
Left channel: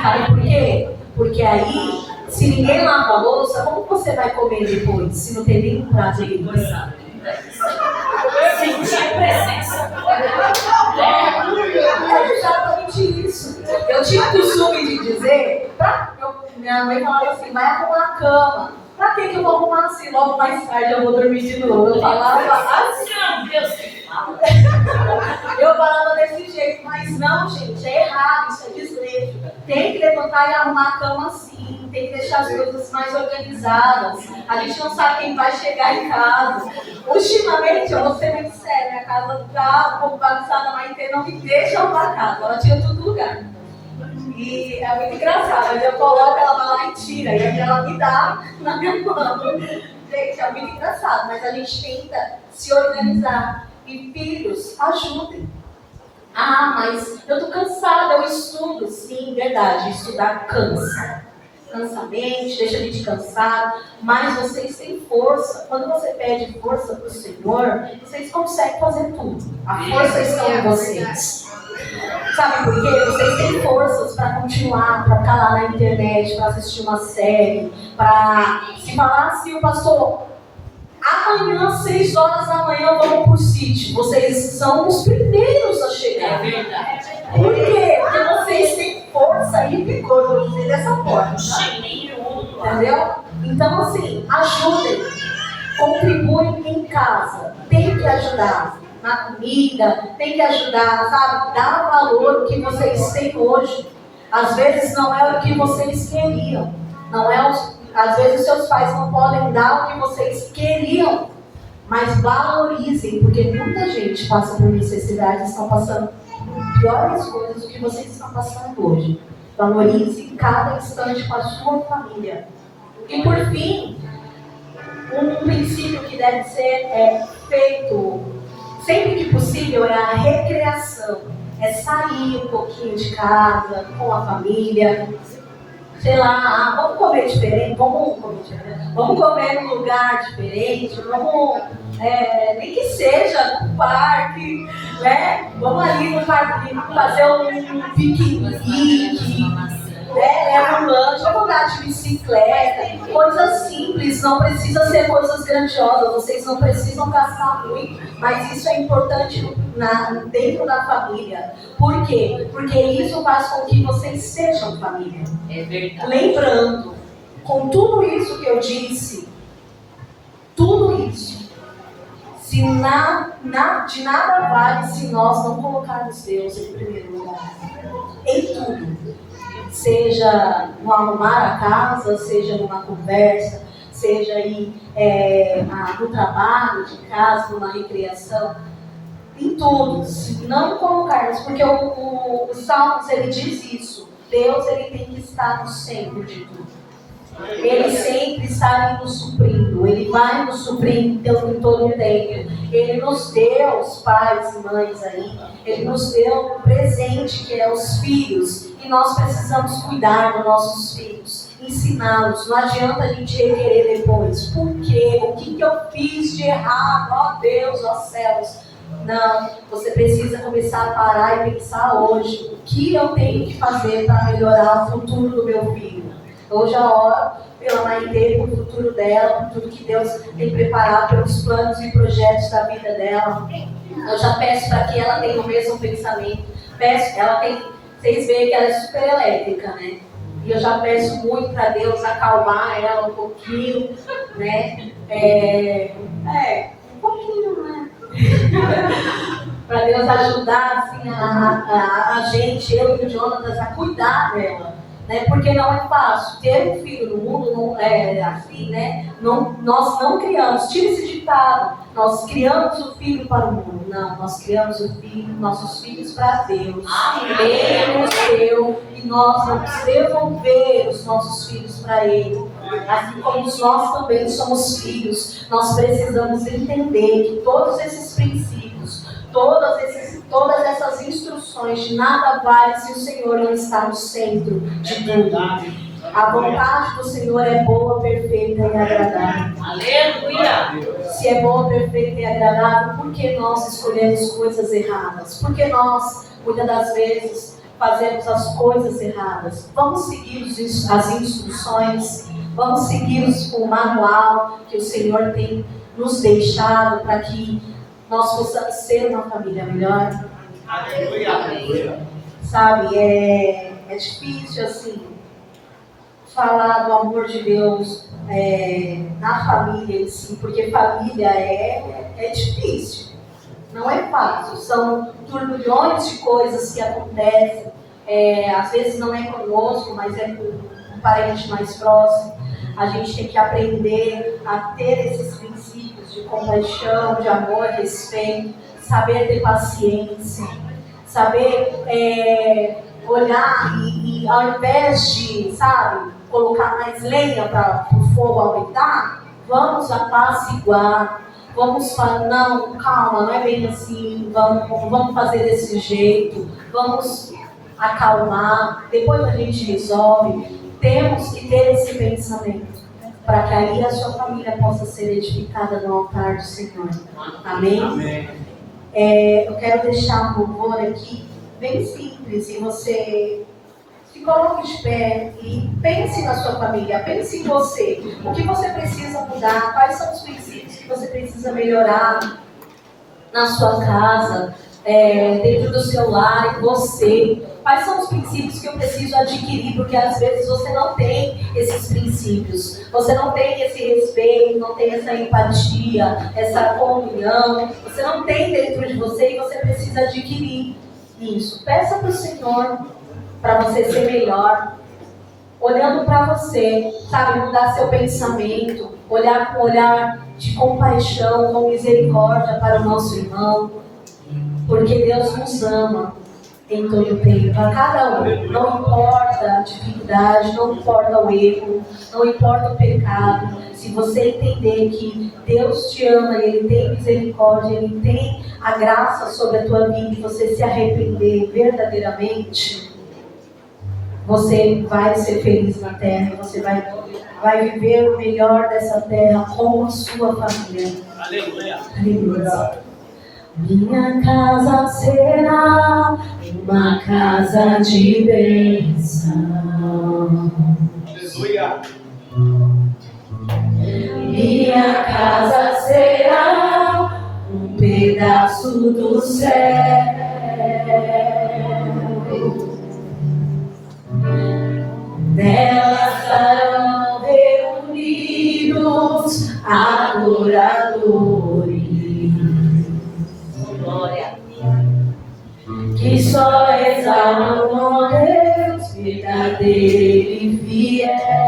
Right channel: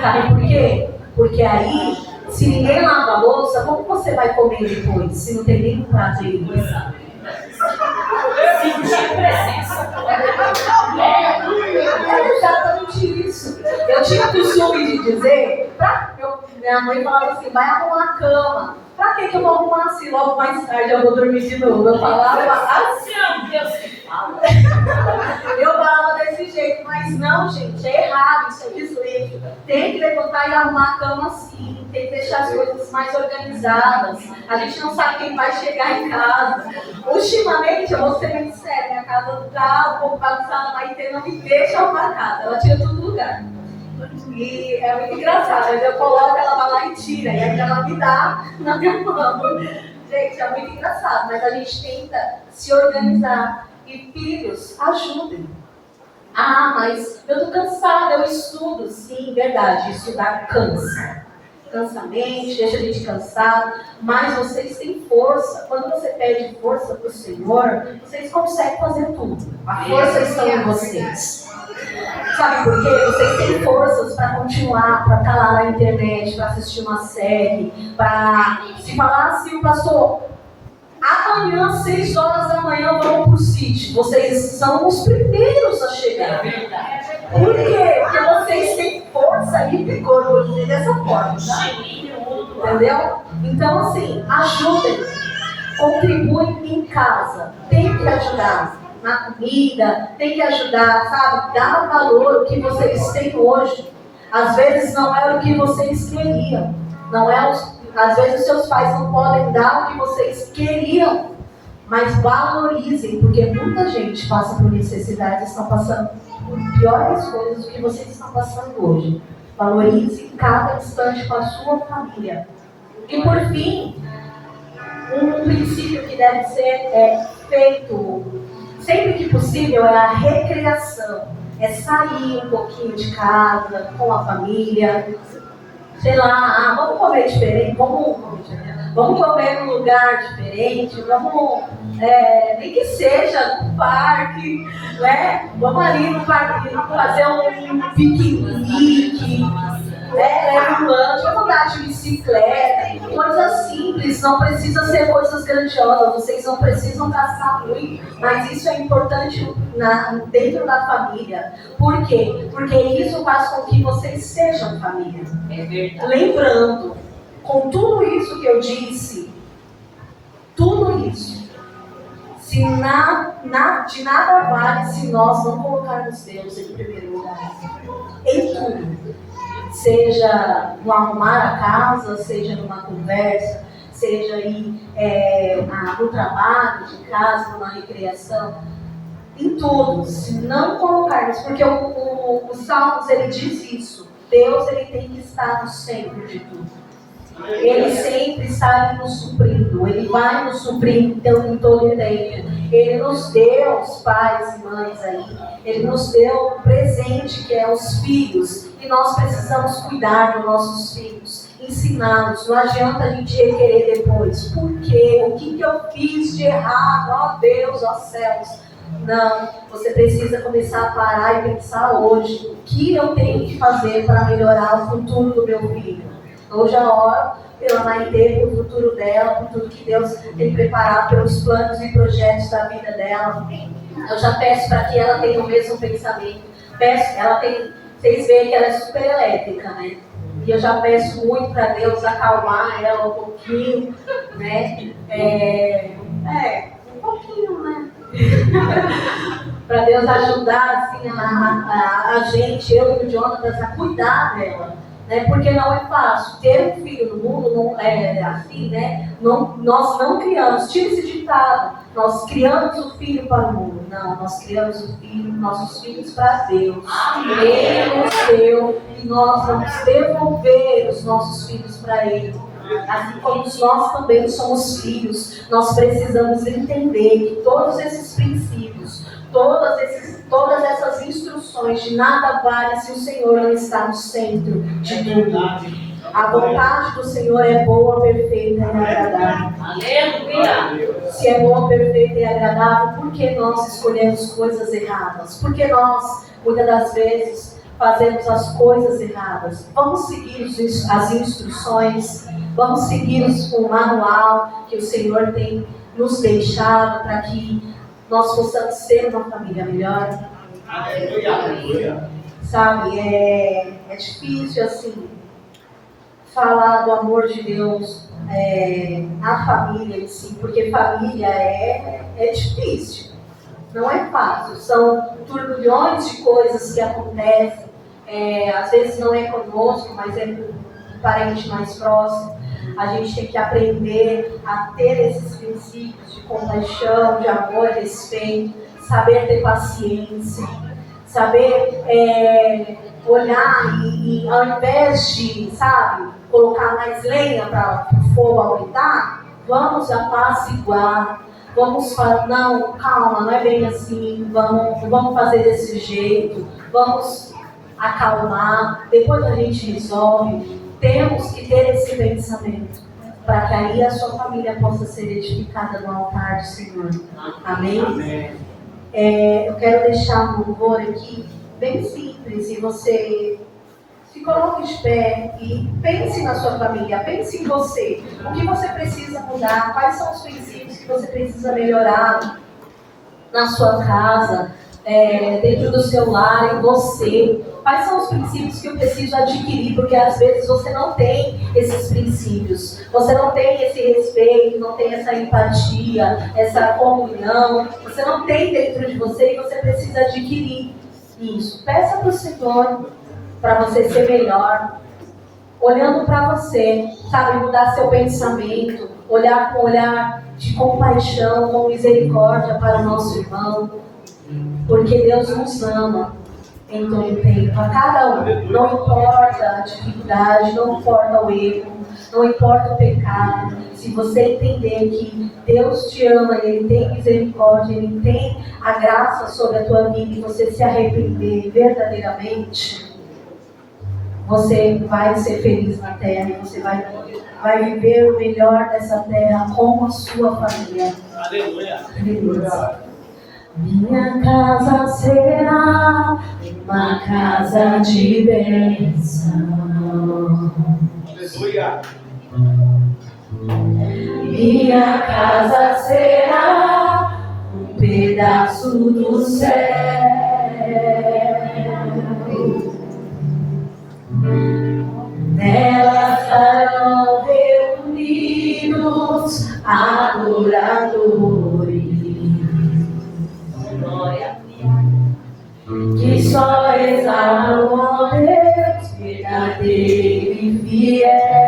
Sabe por quê? Porque aí, se ninguém lava a louça, como você vai comer depois? Se não tem nenhum prato de louça? Sentir presença. É exatamente isso. Eu tinha o costume de dizer, minha mãe falava assim, vai arrumar a cama. Pra que eu vou arrumar assim? Logo mais tarde eu vou dormir de novo. Eu falava assim. Deus que fala. Eu falava desse jeito, mas não, gente, é errado, isso é desleixo. Tem que levantar e arrumar a cama assim, tem que deixar as coisas mais organizadas. A gente não sabe quem vai chegar em casa. Ultimamente, eu vou ser bem séria, minha casa tá um pouco bagunçada, mas não me deixa arrumar a casa, ela tira tudo do lugar. E é muito engraçado, mas eu coloco, ela vai lá e tira, e aí ela me dá na minha mão. Gente, é muito engraçado, mas a gente tenta se organizar. E filhos, ajudem. Ah, mas eu tô cansada, eu estudo. Sim, verdade, estudar cansa. Cansa a mente, deixa a gente cansado, mas vocês têm força. Quando você pede força para o Senhor, vocês conseguem fazer tudo. A força está em vocês. Sabe por quê? Vocês têm forças para continuar, para estar lá na internet, para assistir uma série, para se falar assim, o pastor, amanhã, 6 horas da manhã, vamos pro sítio. Vocês são os primeiros a chegar. É verdade. Por quê? Porque vocês têm força e vigor, vou dizer dessa forma. Tá? Entendeu? Então, assim, ajudem. Contribuem em casa. Tem que ajudar na comida, tem que ajudar, sabe? Dar valor ao que vocês têm hoje. Às vezes não é o que vocês queriam. Não é às vezes seus pais não podem dar o que vocês queriam. Mas valorizem, porque muita gente passa por necessidades, estão passando por piores coisas do que vocês estão passando hoje. Valorize cada instante com a sua família. E por fim, um princípio que deve ser feito sempre que possível é a recreação. é sair um pouquinho de casa, com a família, sei lá, vamos comer diferente, vamos comer num lugar diferente, vamos, nem que seja no parque, né? Vamos ali no parque fazer um piquenique, leva um lanche, vamos andar de bicicleta, coisas simples, não precisa ser coisas grandiosas, vocês não precisam gastar muito, mas isso é importante dentro da família. Por quê? Porque isso faz com que vocês sejam família. É verdade. Lembrando, com tudo isso que eu disse, tudo isso, de nada vale se nós não colocarmos Deus em primeiro lugar. Em tudo. Seja no arrumar a casa, seja numa conversa, seja aí no trabalho, de casa, numa recreação, em tudo, se não colocarmos, porque o Salmos ele diz isso, Deus ele tem que estar no centro de tudo. Ele sempre está ali nos suprindo, Ele vai nos suprindo em todo o tempo. Ele nos deu, os pais e mães aí, Ele nos deu um presente que é os filhos. E nós precisamos cuidar dos nossos filhos, ensiná-los. Não adianta a gente requerer depois. Por quê? O que eu fiz de errado? Ó Deus, ó céus. Não, você precisa começar a parar e pensar hoje. O que eu tenho que fazer para melhorar o futuro do meu filho? Hoje eu oro pela Maitê, pelo futuro dela, por tudo que Deus tem preparado, pelos planos e projetos da vida dela. Eu já peço para que ela tenha o mesmo pensamento. Vocês veem que ela é super elétrica, né? E eu já peço muito para Deus acalmar ela um pouquinho, né? Um pouquinho, né? Para Deus ajudar assim, a gente, eu e o Jonatas, a cuidar dela. Né? Porque não é fácil. Ter um filho no mundo não é assim, né? Nós não criamos, tira esse ditado, nós criamos o filho para o mundo. Não, nós criamos nossos filhos para Deus. Ele nos deu e nós vamos devolver os nossos filhos para Ele. Assim como nós também somos filhos, nós precisamos entender que todos esses princípios, todas essas instruções, de nada vale se o Senhor não está no centro de tudo. A vontade do Senhor é boa, perfeita e agradável. Aleluia! Se é boa, perfeita e agradável, por que nós escolhemos coisas erradas? Por que nós, muitas das vezes, fazemos as coisas erradas? Vamos seguir as instruções, vamos seguir o manual que o Senhor tem nos deixado para que nós possamos ser uma família melhor. Aleluia. Sabe, é difícil assim falar do amor de Deus na família em si, porque família é difícil, não é fácil, são turbilhões de coisas que acontecem, às vezes não é conosco, mas é com um parente mais próximo. A gente tem que aprender a ter esses princípios de compaixão, de amor, respeito, saber ter paciência, saber olhar e ao invés de, colocar mais lenha para o fogo aumentar, vamos apaciguar, vamos falar, não, calma, não é bem assim, vamos fazer desse jeito, vamos acalmar, depois a gente resolve. Temos que ter esse pensamento, para que aí a sua família possa ser edificada no altar do Senhor. Amém? Amém. Eu quero deixar um louvor aqui, bem simples, e você se coloque de pé e pense na sua família, pense em você. O que você precisa mudar, quais são os princípios que você precisa melhorar na sua casa, dentro do seu lar, em você. Quais são os princípios que eu preciso adquirir? Porque às vezes você não tem esses princípios, você não tem esse respeito, não tem essa empatia, essa comunhão, você não tem dentro de você e você precisa adquirir isso. Peça para o Senhor para você ser melhor, olhando para você, mudar seu pensamento, olhar com um olhar de compaixão, com misericórdia para o nosso irmão, porque Deus nos ama. em todo tempo, a cada um. Não importa a dificuldade, não importa o erro, não importa o pecado. Se você entender que Deus te ama, Ele tem misericórdia, Ele tem a graça sobre a tua vida e você se arrepender verdadeiramente, você vai ser feliz na terra e você vai viver o melhor dessa terra com a sua família. Aleluia. Aleluia. Minha casa será uma casa de bênção. Aleluia. Minha casa será um pedaço do céu. Nela estarão reunidos adoradores. Glória. Que só exaltam a Deus verdadeiro e fiel.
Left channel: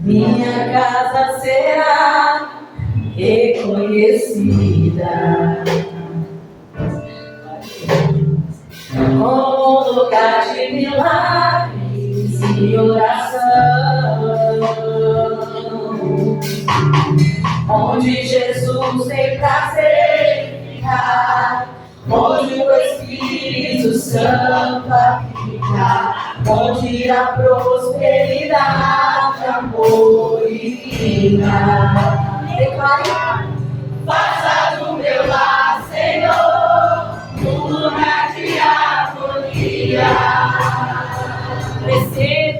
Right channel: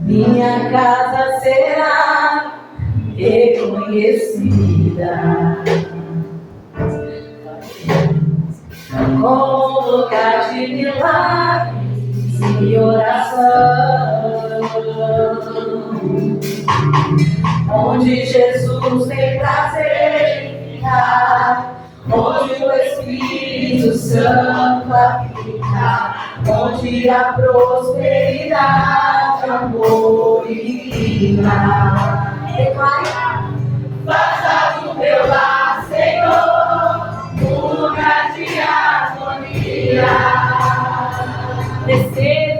Minha casa será reconhecida como lugar de milagres e oração, onde Jesus tem prazer em ficar, onde o Espírito Santo habita, onde a prosperidade, amor e vida. Declare. Faça do meu lar, Senhor, um lugar de harmonia.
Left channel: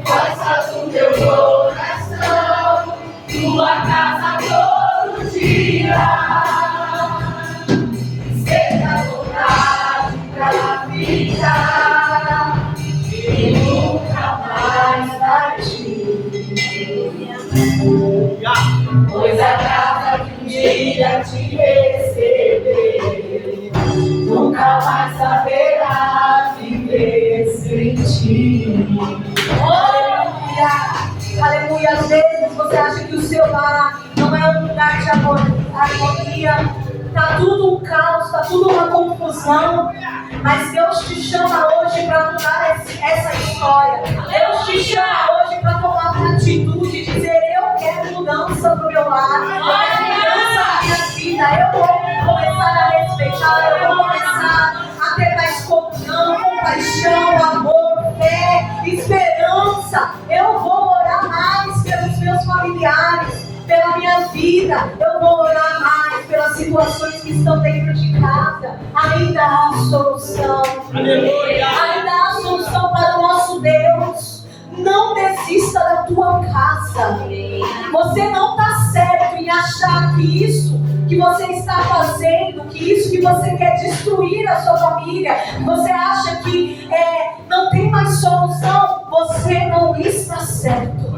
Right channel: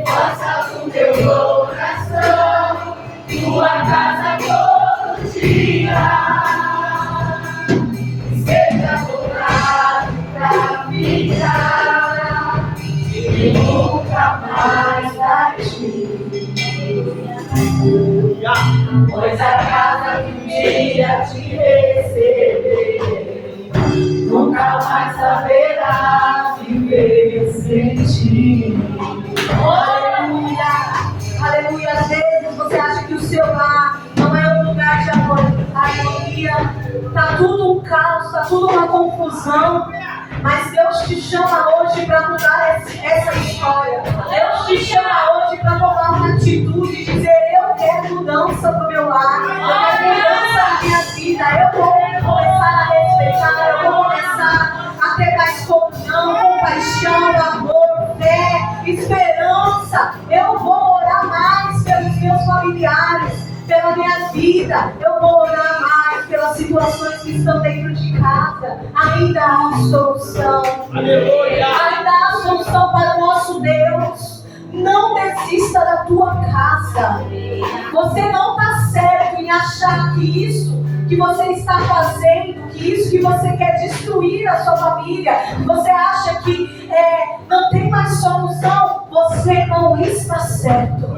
Faça do meu coração tua casa todo dia. Seja vontade pra ficar e nunca mais partir. Pois a casa que um dia te receber nunca mais saberá viver sem ti. Aleluia, aleluia. Às vezes você acha que o seu lar não é um lugar de harmonia, tá tudo um caos, tá tudo uma confusão. Mas Deus te chama hoje para mudar essa história. Deus te chama hoje para tomar uma atitude e dizer: eu quero mudança para o meu lar, eu quero mudança na minha vida, eu vou começar a respeitar, eu vou começar a ter mais comunhão, compaixão, amor, fé, esperança. Eu vou orar mais pelos meus familiares, pela minha vida, eu vou orar mais pelas situações que estão dentro de casa. Ainda há solução. Aleluia. Ainda há solução para o nosso Deus. Não desista da tua casa. Você não está certo em achar que isso que você está fazendo, que isso que você quer destruir a sua família, você acha que não tem mais solução. Você não está certo.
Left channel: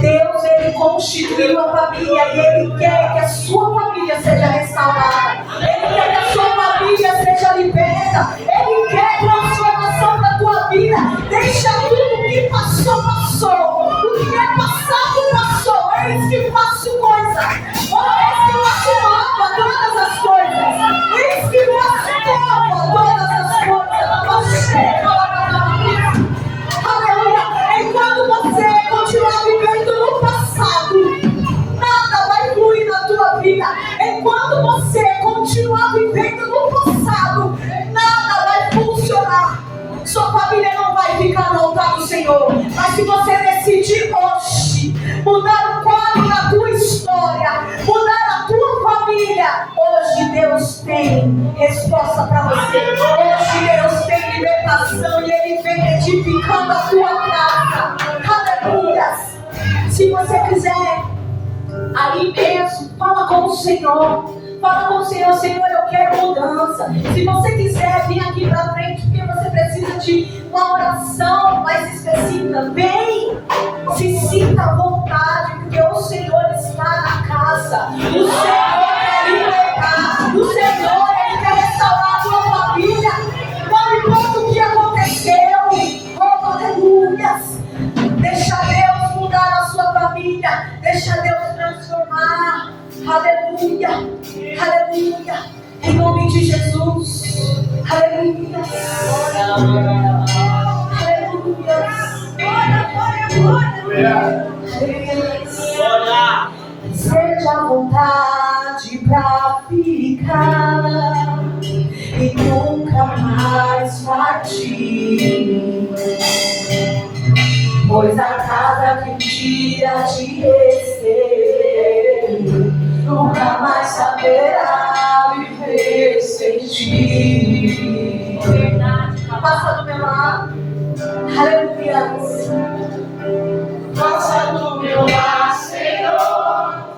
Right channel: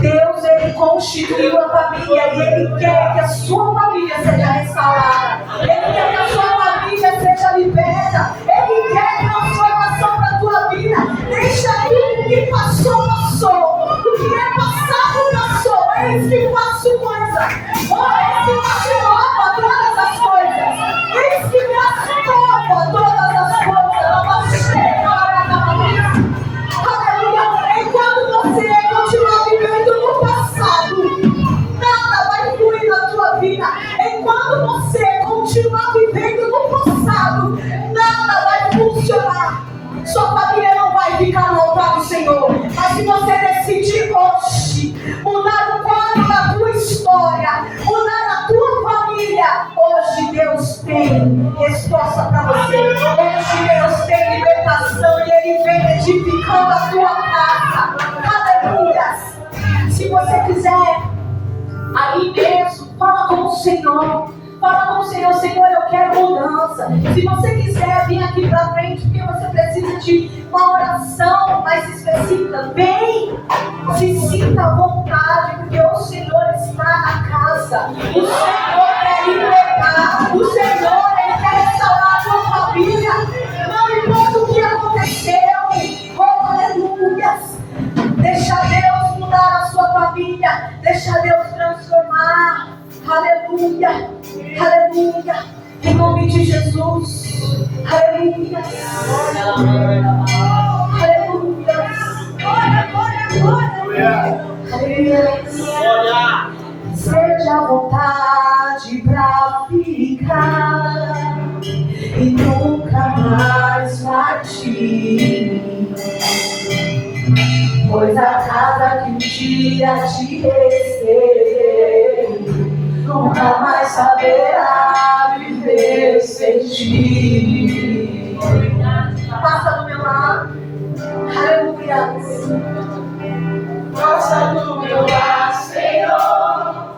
Deus, Ele constituiu a família e Ele quer que a sua família seja restaurada. Ele quer que a sua família seja liberta. Ele quer transformação para a tua vida. Deixa tudo que passou, passou. O que é passado, passou. Eis que faço coisa. Eis que faço nova todas as coisas. Eis que faço nova todas as coisas. Aleluia. Enquanto você continuar vivendo no passado, nada vai fluir na tua vida. Enquanto você continuar vivendo no passado, nada vai funcionar. Sua família não vai ficar no altar do Senhor. Mas se você decidir hoje mudar o quadro da tua história, mudar a tua família, hoje Deus tem resposta para você. Hoje Deus tem libertação e Ele vem edificando a tua casa. Aleluia. Se você quiser, aí mesmo, fala com o Senhor. Fala com o Senhor: Senhor, eu quero mudança. Se você quiser vir aqui pra frente, porque você precisa de uma oração mais específica, vem. Se sinta à vontade, porque o Senhor está na casa. O Senhor quer libertar. O Senhor, Ele quer restaurar a tua família. Não importa o que aconteceu. Oh, aleluia. Deixa Deus mudar a sua família. Deixa Deus de Jesus. Aleluia. Aleluia. Aleluia. Seja a vontade pra ficar e nunca mais partir. Pois a casa que um dia te receber nunca mais saberá viver sem ti. Passa do meu lado. Aleluia. Passa do meu lado, Senhor.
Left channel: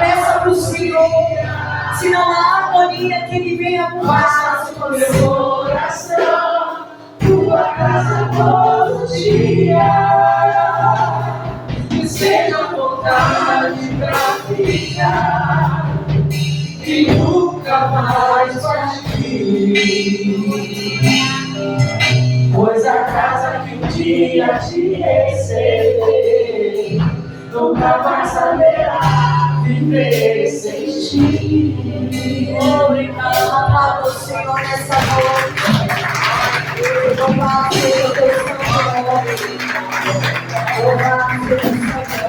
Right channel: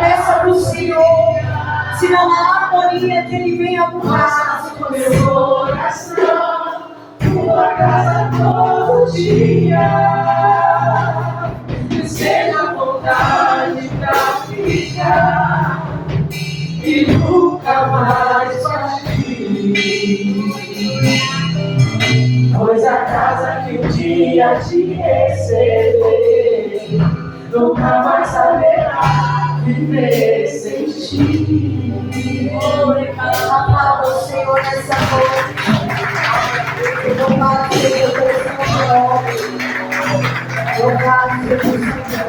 Peça pro Senhor. Se não há harmonia, que Ele venha buscar o meu coração. Tua casa todo dia. Que seja a vontade pra ficar e nunca mais partir. Pois a casa que um dia te receber nunca mais saberá viver sem ti. Aplauda o Senhor nessa noite. Louvado seja o teu santo nome. Louvado seja o teu santo nome.